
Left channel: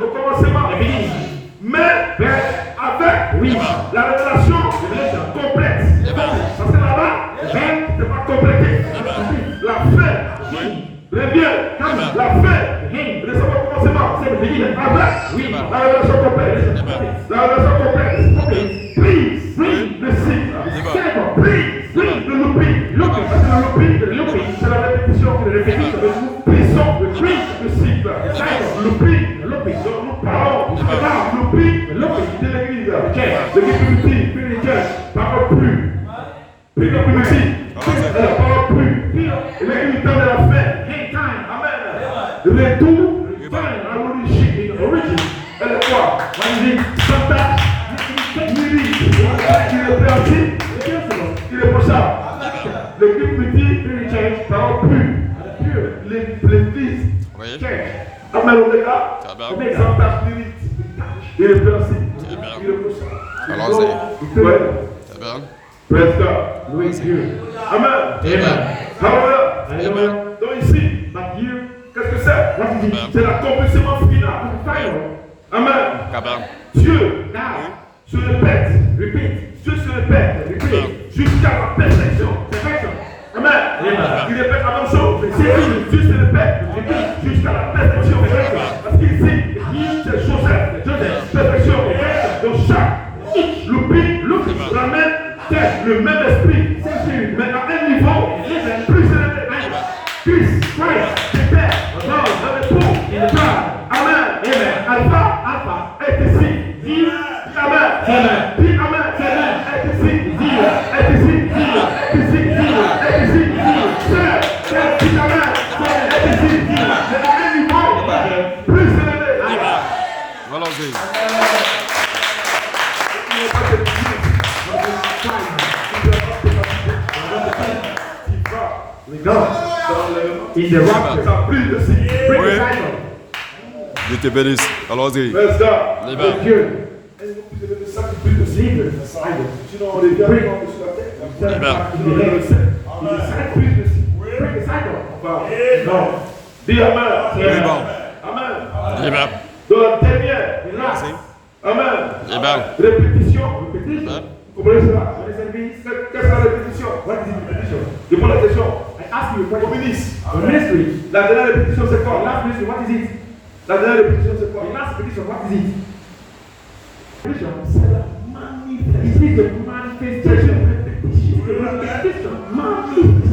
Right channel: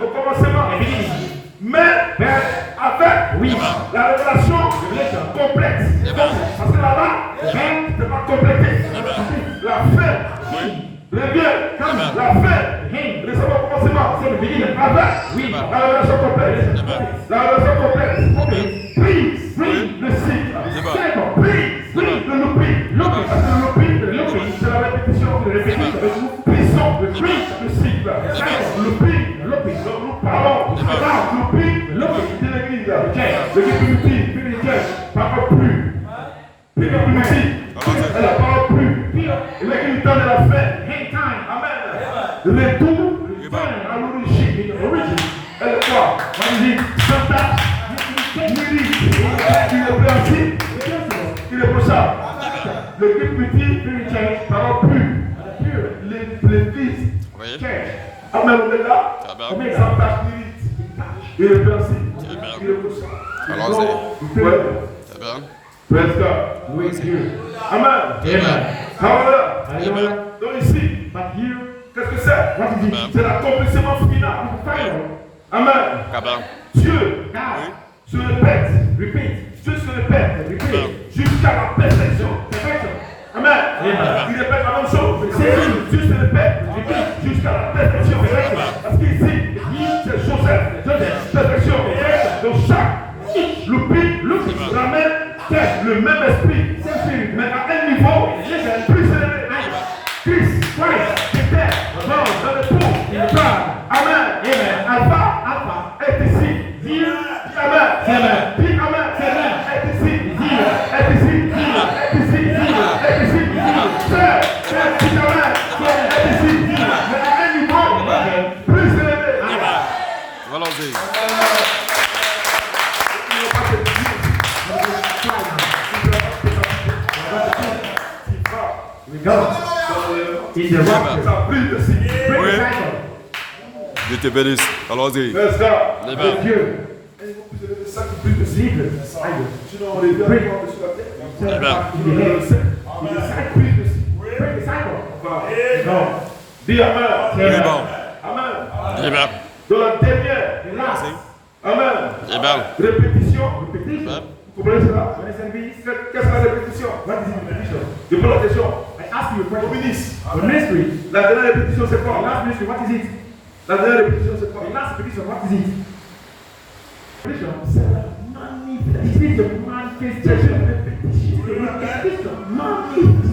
au commencement. Mais avec la révélation complexe. Parce que là-bas, c'est pas complété. La fin revient. La fin ressemble au commencement. Avec la révélation complexe. La révélation complexe. Prise le cycle. Prise le looping. C'est la répétition. Prison le cycle. Looping. Donc nous parlons. Looping de l'église. L'église parle plus. Elle parle plus. L'église donne la fin. Amen. Retour à l'origine. Elle est quoi? Santa. Il est pour ça. L'église petit parle plus. L'église. Amen, on est là. Santa Spirit. Il est principe. Il est pour ça. Allons-y. Praise God. Amen. Hallelujah. Donc ici, qu'est-ce que c'est? C'est l'accomplissement final. Amen. Dieu se répète. Dieu se répète jusqu'à la perfection. Amen. Il répète la même chose. Dieu se répète jusqu'à la perfection. Parce qu'ici, c'est Joseph. Perfection. Donc chaque louping ramène le même esprit. Mais à un niveau plus élevé. Christ, c'était dans le trou. Amen. Alpha est ici. Amen. Dis Amen. Est ici. Est ici. Plus élevé. Allons-y. Oui. Dieu te bénisse. Allons-y. Libre. Dis Amen. Libre. Amen. Libre. Dans la dernière. Amen. Libre. Répétition. Libre. Vous comprenez cela? Qu'est-ce que la répétition? Je pose la question. Au ministre. La dernière répétition, c'est quoi? La dernière répétition, c'est quoi? C'est la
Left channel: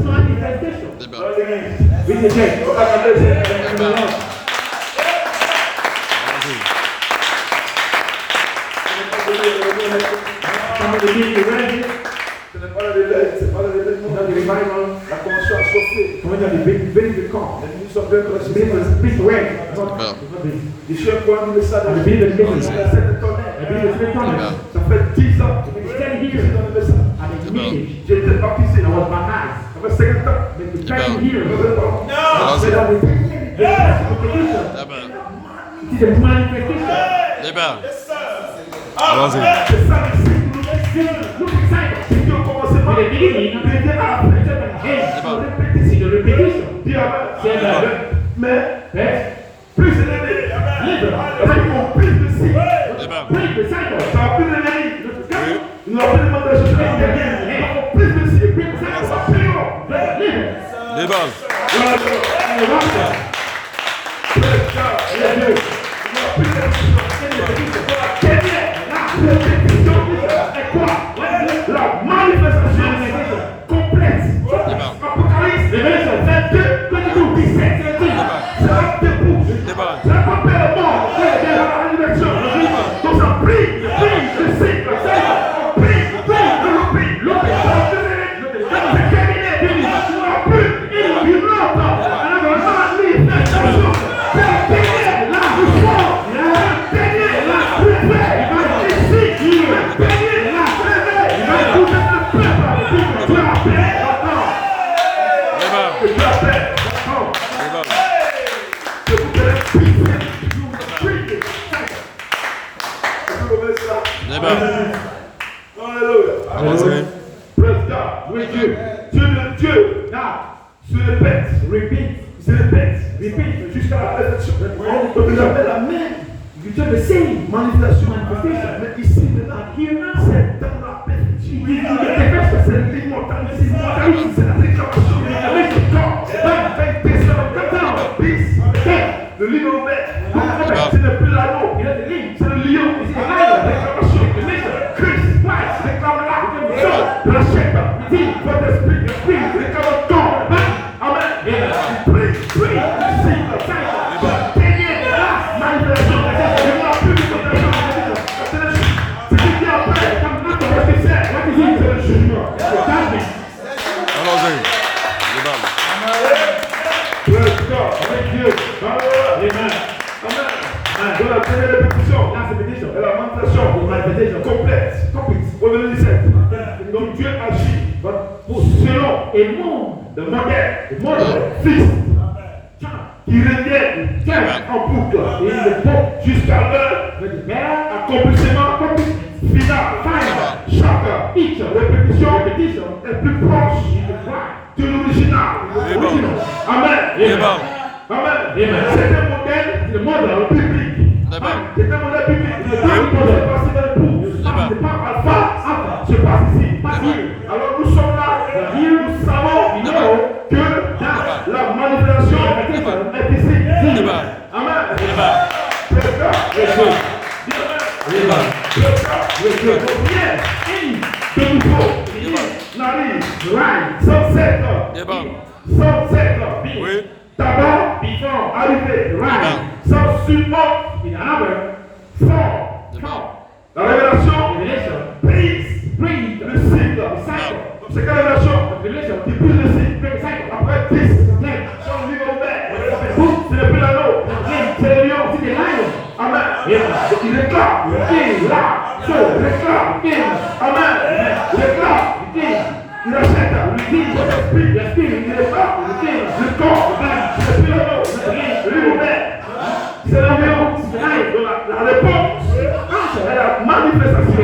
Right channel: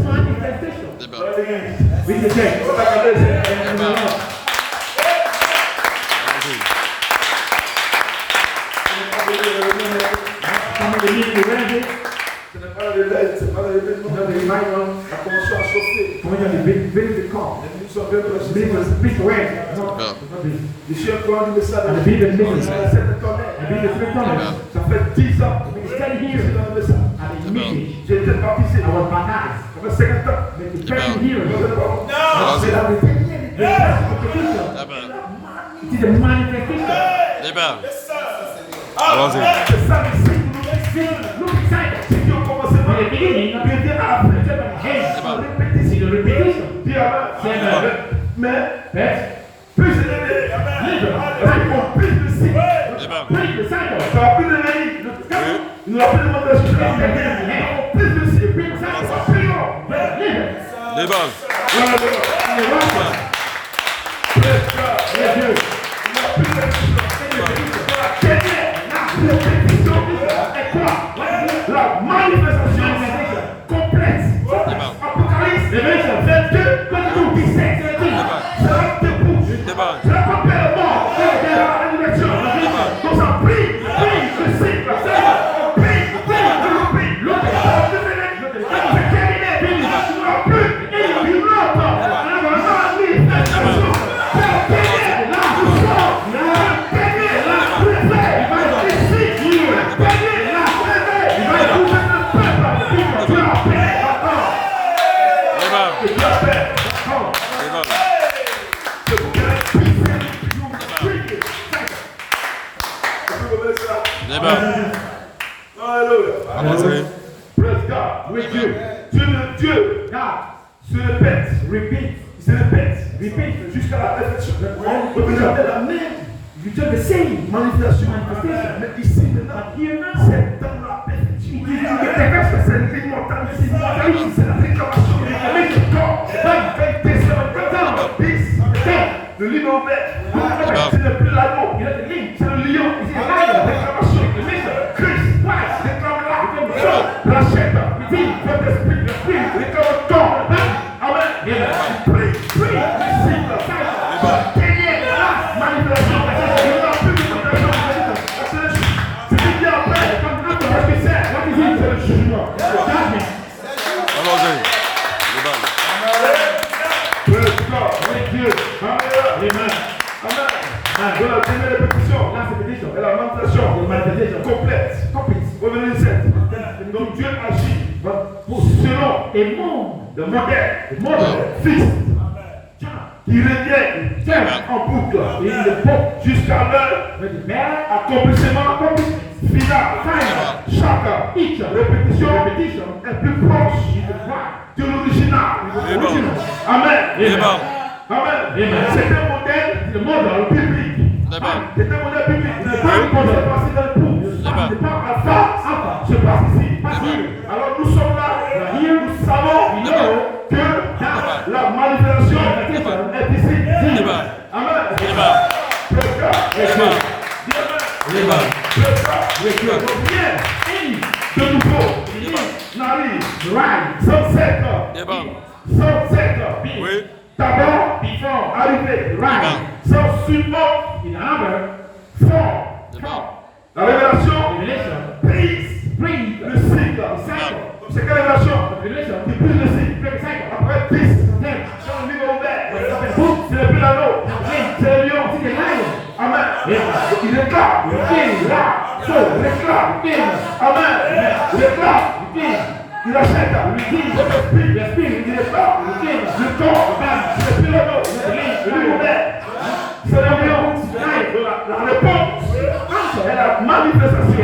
manifestation. C'est pas le révèlement de la conscience chauffée. Nous sommes bien précis. Les chiens qui ont dit ça dans le ça fait 10 ans que je suis dans le message. J'étais baptisé. Ça fait 50 ans. Allons-y. Mais plus élevé, avec mon plus de cycle. Ça va plus de vie. Nous avons plus de choses. Plus de cycle. Plus long. Débat. La manifestation complète. Apocalypse 22, Et tu appelles. Les balles. Je vous dirai, puissance. Les balles. Alléluia. Avancez. Praise God. Oui, Dieu. Dieu. Se répète. Repeat. Se répète. Repeat. Jusqu'à la perfection. Donc, il appelle la même. You do the same manifestation. Mais ici, maintenant, c'est dans la perfection. C'est l'immortalité. C'est la réclamation. Le lion vert, ce n'est plus l'anneau, c'est le lion, c'est la réclamation. Christ, réclame là, rachète, dit, votre esprit, réclame ton. Amen. Prie, Allons-y. Les balles. De la première répétition, et la manifestation complète. Au verset 7. Donc Dieu agit selon et le modèle fixe qui revient en boucle jusqu'à leur accomplissement final. Chaque répétition est plus proche de l'original. Amen. Les balles. Amen. C'est un modèle biblique. Les balles. C'est un modèle biblique. C'est passé dans le pouls. C'est pas alpha, se passe ici. Alors nous sommes là. Nous savons que la manifestation est ici. Les balles. Amen. Les balles. Les balles. De nouveau, Les balles. n'arrive sans secteur. Les balles. Sans secteur. Oui. D'abord, arriver, sans support, fort. Les balles. La révélation, prise, le cycle. Donc c'est quelle révélation? Qui prise le cycle. Après 10, sur le niveau vert, c'est le plus l'anneau, c'est le lion, c'est le lion. Amen. Il réclame, Amen. Il réclame, il achète, l'esprit, il réclame, le corps, c'est le plus l'anneau, le lion vert, c'est le lion. La réponse est la manifestation.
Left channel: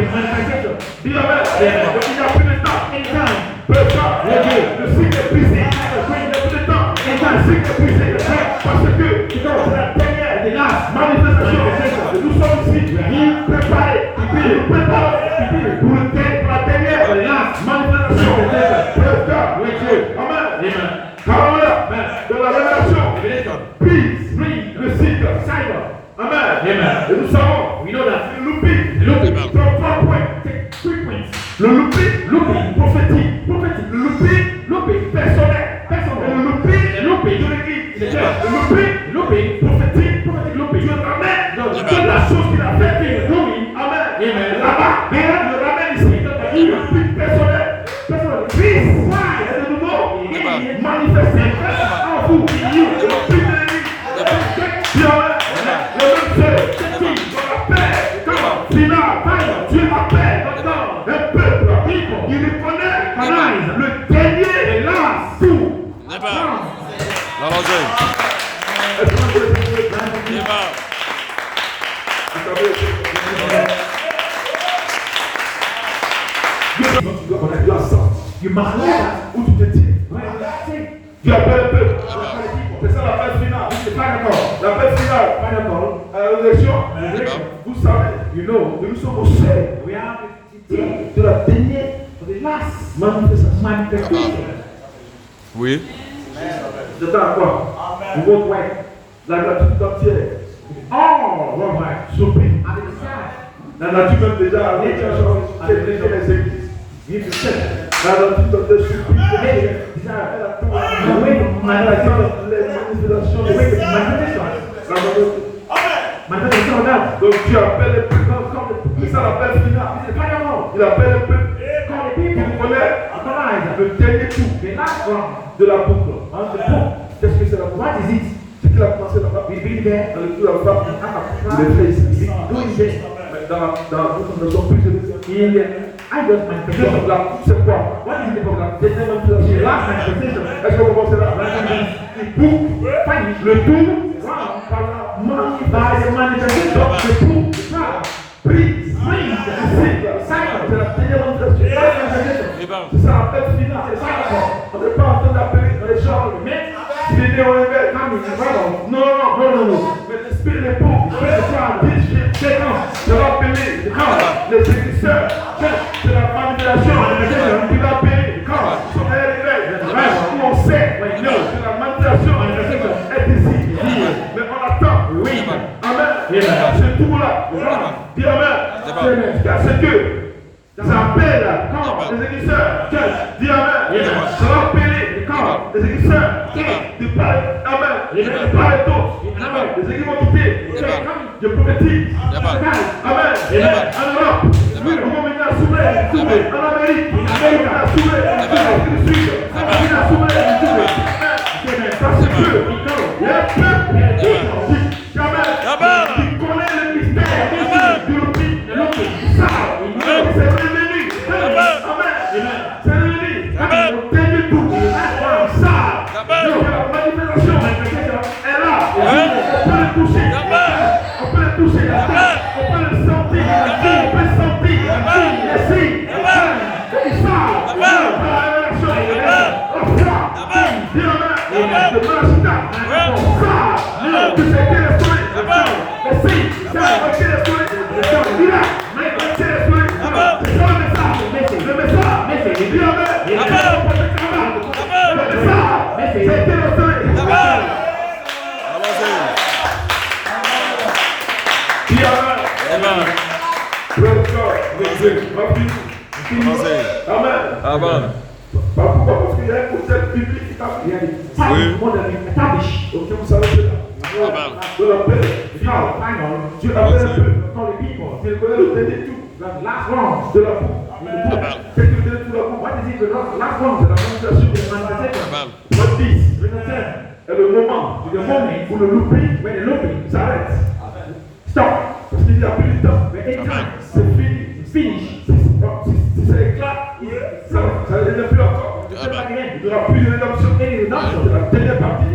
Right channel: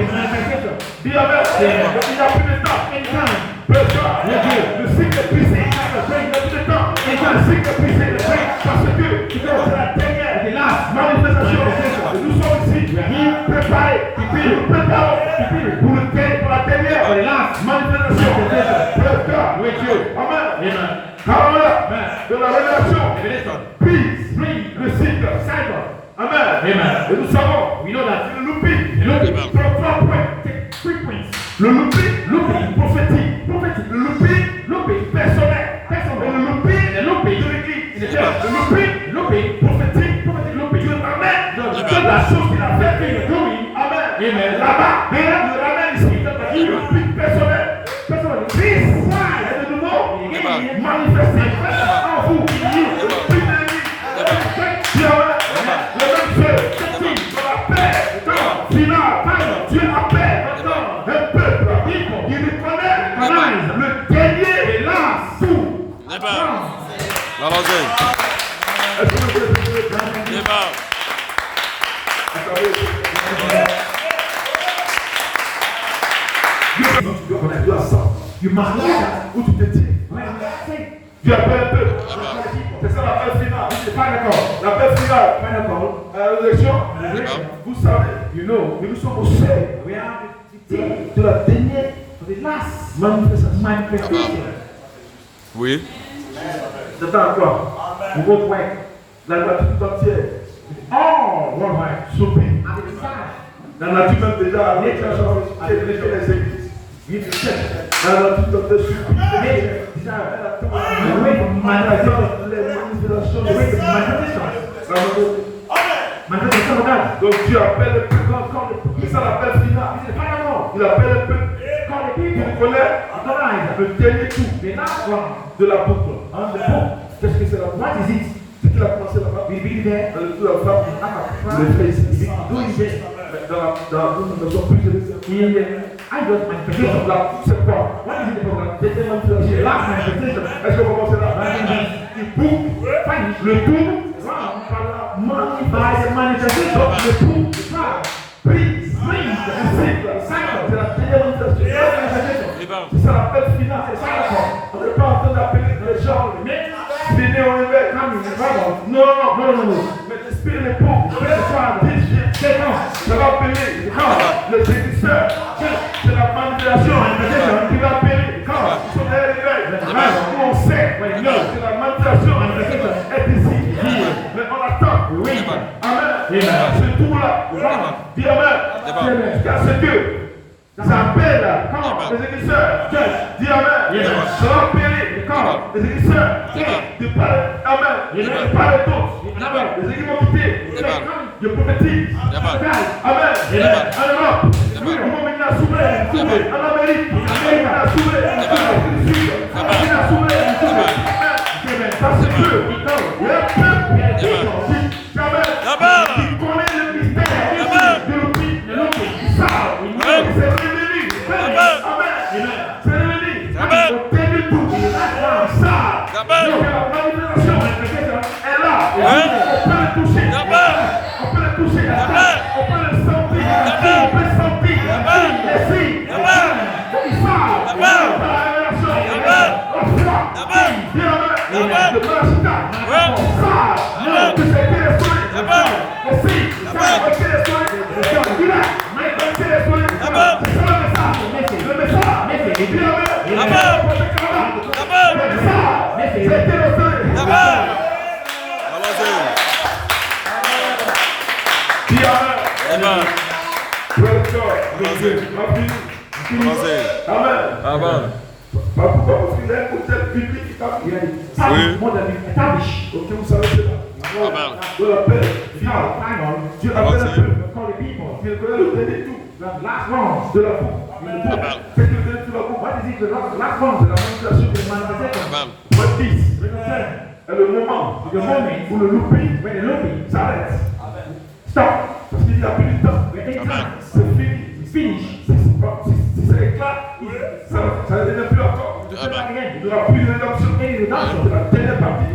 Il y a plus de temps. Le cycle est brisé. Il n'y a plus de temps. Le cycle est brisé. Parce que c'est la dernière manifestation. Nous sommes ici préparés. Nous préparons pour la dernière manifestation. Amen. De la révélation. Brise le cycle. Amen. Et nous savons, c'est le looping. Le looping prophétique. Le looping personnel. Et le looping de l'église. Le looping prophétique. Je ramène de la chose qu'il a fait. Amen. Là-bas, il ramène ici. Le looping personnel. Et de nouveau, manifesté en vous. Le looping de l'église. Dieu appelle un peuple qui reconnaît le dernier et là tout. Les balles. Allons-y. Les balles. Donc tu dois connaître la sang. Tu marches où tu te tiens. Tu appelles un peuple. C'est ça l'appel final. C'est pas d'accord. L'appel final. Pas d'accord. À la résurrection, vous savez, nous sommes au seuil de la dernière manifestation. Oui. C'est encore. Vous voyez, la nature entière. Oh, souper. La nature même déjà avec les églises. La nature entière souper. Donc Dieu appelle le plus grand corps, c'est ça l'appel final. Il appelle un peu pour connaître le dernier tour de la boucle. Qu'est-ce que c'est la boucle? C'est qu'il a commencé là-bas. Dans le tour là-bas. Il est fait ici. dans son plus de c'est quoi? Deuxième manipulation. Last manifestation. Est-ce que vous commencez là? Il coupe, le tour, par la manifestation, le tour, prise, c'est la deuxième manifestation. C'est ça la fête finale, c'est ça d'accord. On n'est pas en train d'appeler les gens, mais finir au éveil. Non. Mais l'esprit est pour. Je vais appeler les séducteurs. C'est la manipulation. Il va appeler. Ils sont derrière l'éveil. On sait que la manipulation est ici. Mais on attend. Oui. Amen. Ce tour-là. Dis amen. C'est Dieu. Ça appelle les églisseurs. Dis amen. Je vais appeler les églisseurs. De parler. Amen. De parler d'autres. Les églises vont quitter. Je prophétise. Amen. En Europe. On va venir à Soumé. En Amérique. À Soumé. À Soumé. Ça c'est Dieu. Il y a un peuple qui connaît le mystère de l'oubli. C'est revenu. C'est revenu. On tient du tout. Ça. La manifestation est là. On peut le toucher. On peut le toucher. On peut le sentir. On peut le sentir. Ici. Il sort. On voit. Bien. De Malachita. On sort. Tu sais quel est le soin. Ici. Ok, le soin. Il est là. Amen. Ok, vous savez cela. Amen. De la paix finale. Dieu appelle un peu quand les people. Il connaît le dernier tout. La last round de la boue. Qu'est-ce que le dernier tout de la boue? What is it? The last round de la manipulation de la manifestation. What is? Et le moment où le looping s'arrête. Stop. Parce qu'il n'y a plus de temps. C'est fini. Finish. Si ça éclate, ça ne devient plus encore. Il n'y aura plus de rédemption. C'est la dernière partie.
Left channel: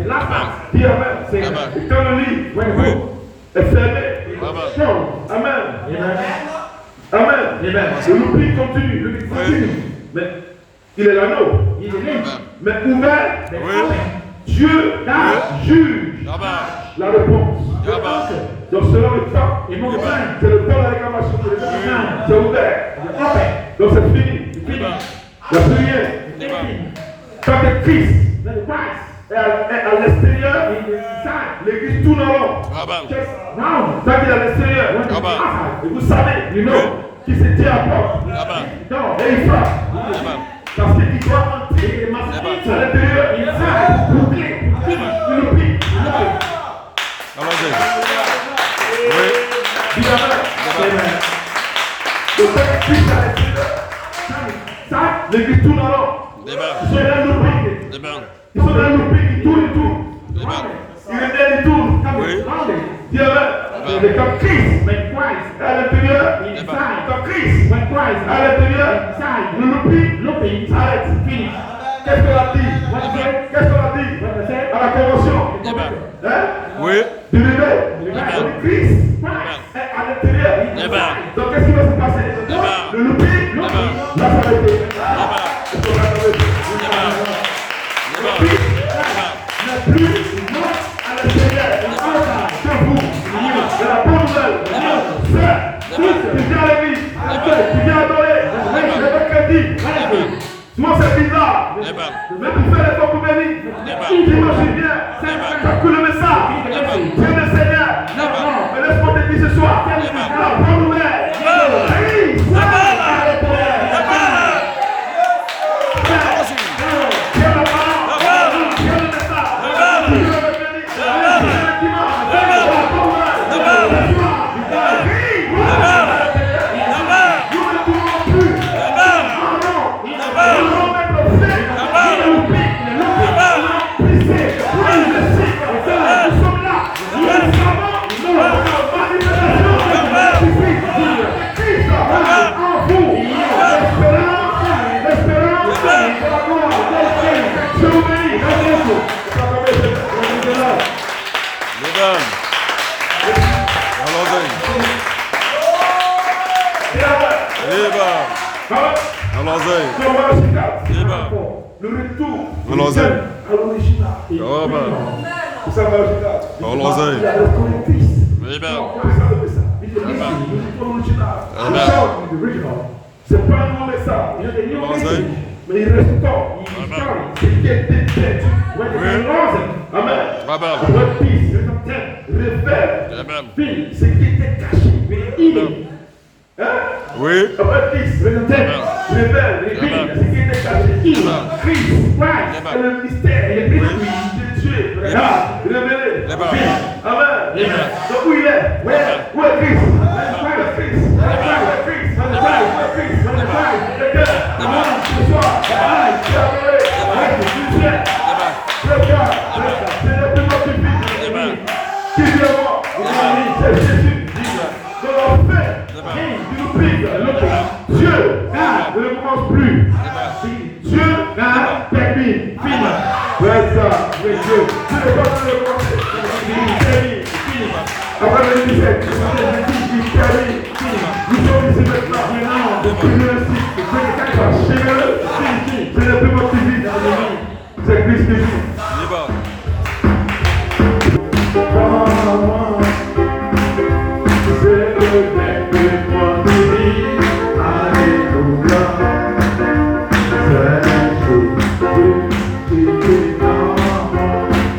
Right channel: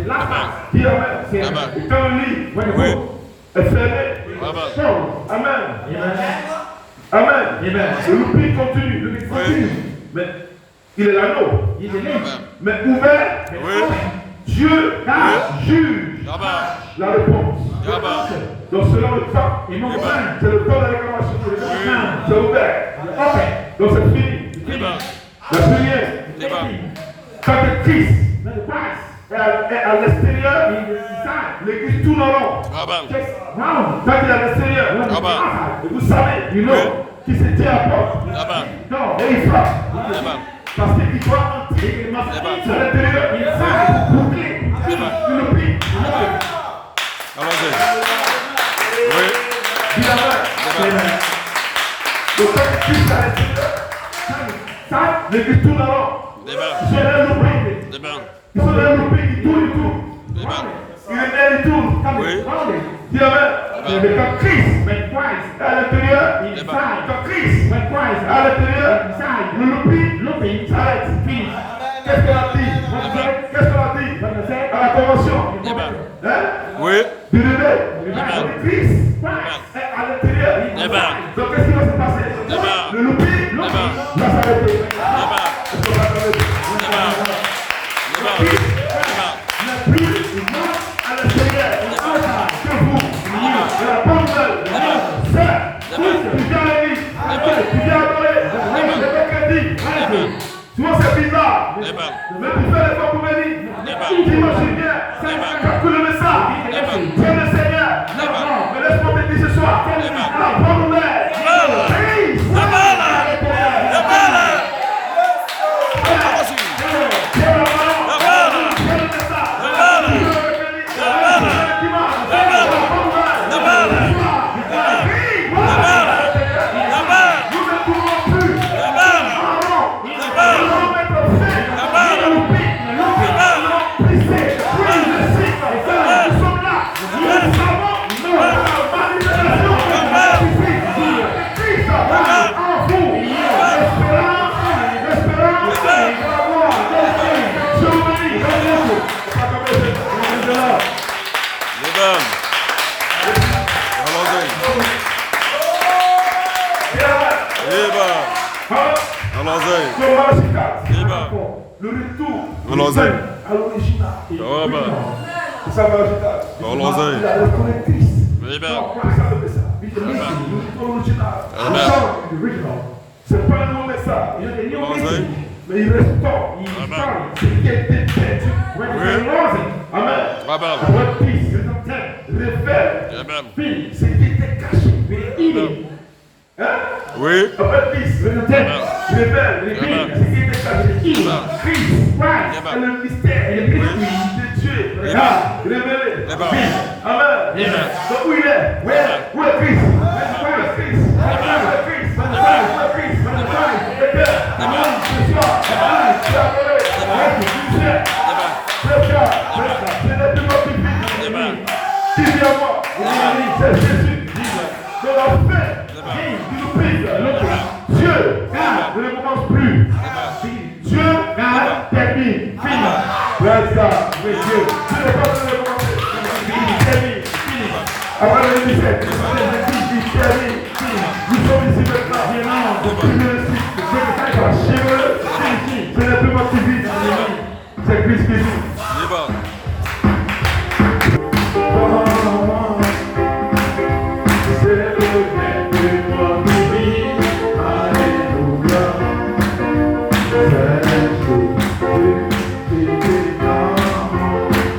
Dis amen. Et quand le livre est fermé, amen. Amen. Le looping continue. Mais il est l'anneau. Mais ouvert, Dieu juge la réponse. Donc selon le temps, c'est le temps de la réclamation. C'est ouvert. Donc c'est fini. Il n'y a plus rien. Quand le Christ est à l'extérieur, l'église tourne en rond. Quand il est à l'extérieur, et vous savez, qui se tient à la porte. Et il frappe. Parce qu'il doit entrer à l'intérieur. Il frappe pour boucler. Le prix. Oui. Donc quand le Christ est à l'extérieur, l'église tourne en rond. Ils sont dans le looping. Ils sont dans le looping, ils tournent et tournent. Il est dans le tour. Dis amen. Mais quand Christ est à l'intérieur, quand Christ est à l'intérieur, le looping s'arrête. Qu'est-ce qu'elle a dit? Qu'est-ce qu'elle a dit à la convention? Oui. Du réveil. Christ est à l'intérieur. Donc qu'est-ce qui va se passer? Le looping va s'arrêter. Souvent c'est bizarre, mais tu fais l'effort pour venir. T'imagines bien, calcule le message. Tiens le Seigneur. Et laisse-moi te dire ce soir. La bonne nouvelle. Nous sommes là. Allons-y. Libre. Le retour. Allons-y. À l'original. Ah ben. C'est ça, marginal. Allons-y. Il a le collectif. Libre. C'est pas un nouveau message. Allons-y. Mais il reste temps. Amen. C'est qui a été fait. Oui. Amen. Amen. Reprise, révèle. Amen. Fille, ce qui était caché. Amen. Hein? Oui. Reprise, révèle. Amen. Ce qui était caché. Amen. Christ, Amen. le mystère, le Oui. mystère de Dieu. Amen. Révélé. Amen. Amen. Amen. Donc, où il est? Où est Christ? Où est Christ? Où est Christ? Où est Christ? Amen. Ce soir, tu as donné. Tu sais. Amen. Le cas, c'est le plus petit. Amen. Qui vient voir? C'est Jésus. De la paix. Qui nous pique. Dieu ne commence plus. Dieu termine. Fini. Right ça, mais Dieu. Dieu n'est pas en train de commencer. Fini. Après le 17, il termine. Nous sommes ici maintenant. C'est le plus petit vide. C'est Christ qui vit. Libre. C'est le même que moi qui vis. Alléluia. C'est Jésus qui est dans mon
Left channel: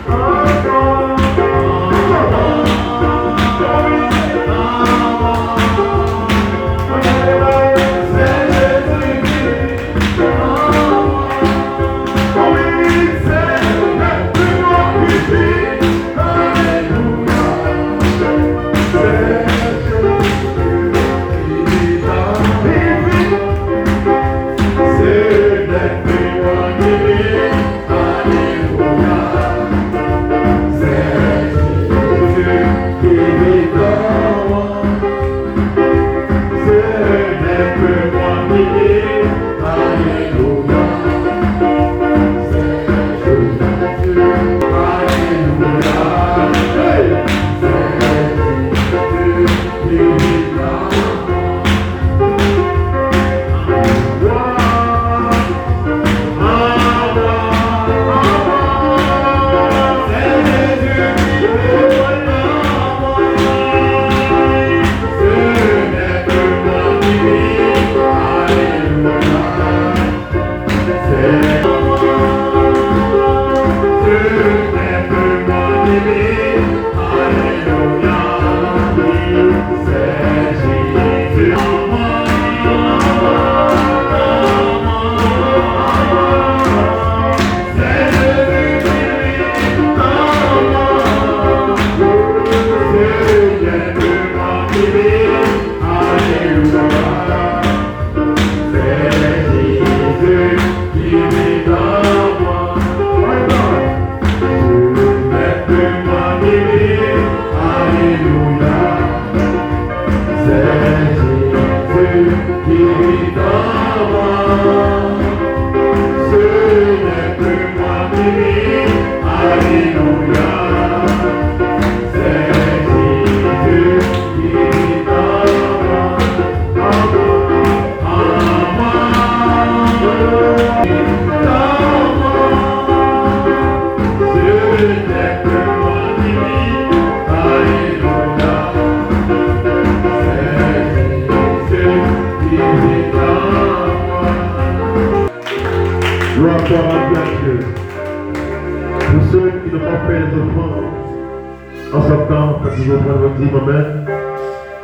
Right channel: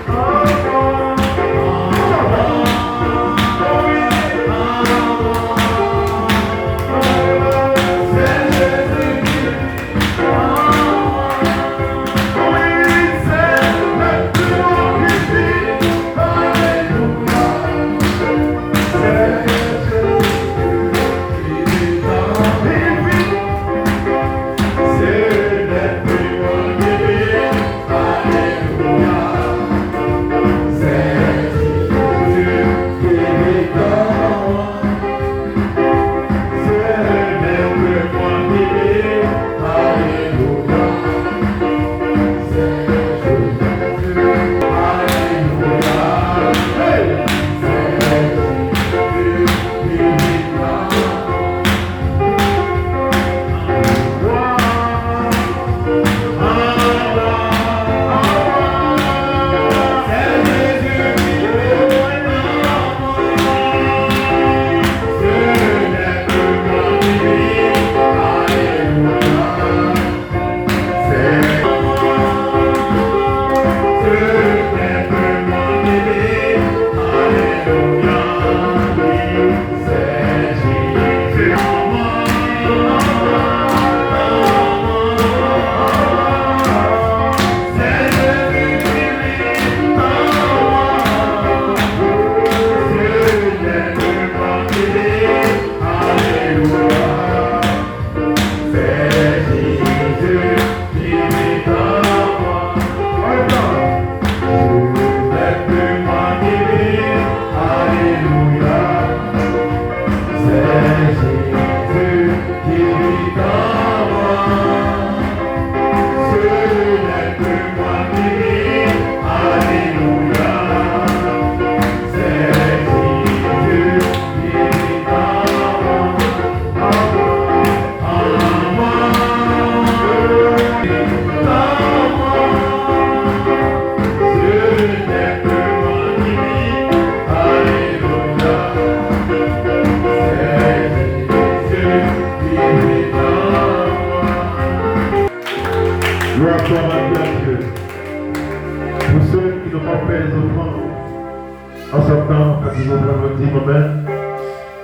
En sortant, quand vous ouvrez votre dire Amen,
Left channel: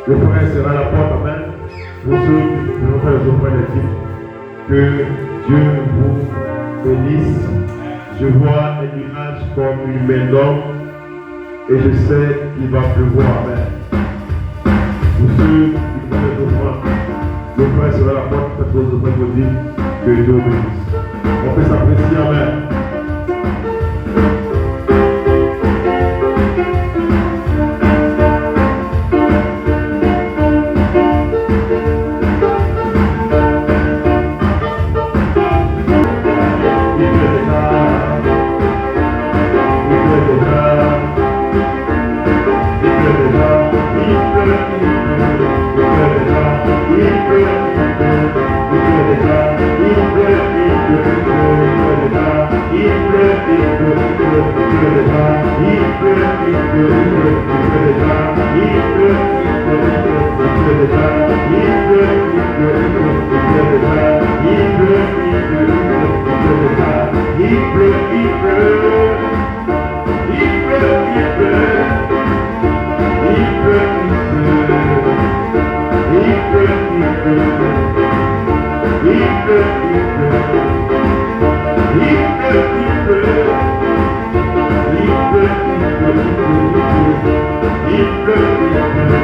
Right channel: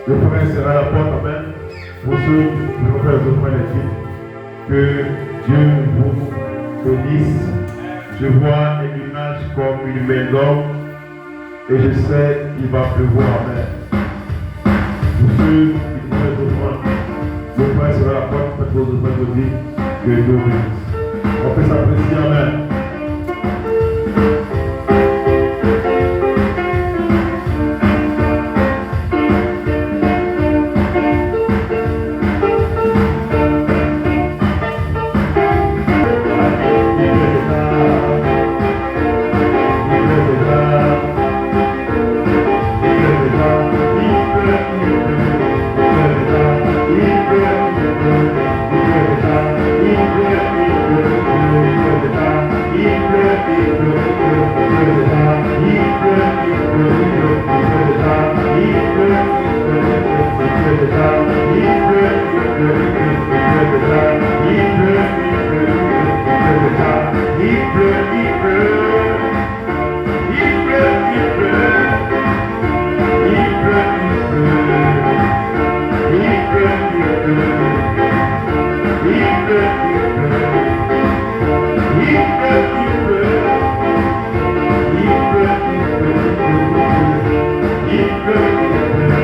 le frère sera à la porte, Amen. Pour ceux qui vont faire les offrandes les que Dieu vous bénisse. Je vois un nuage comme une main d'homme et je sais qu'il va pleuvoir, Amen. Pour ceux qui vont faire les offrandes, le frère sera à la porte quand vous ouvrez votre dire que Dieu vous bénisse. On peut s'apprécier, Amen. Thank you. Il peut,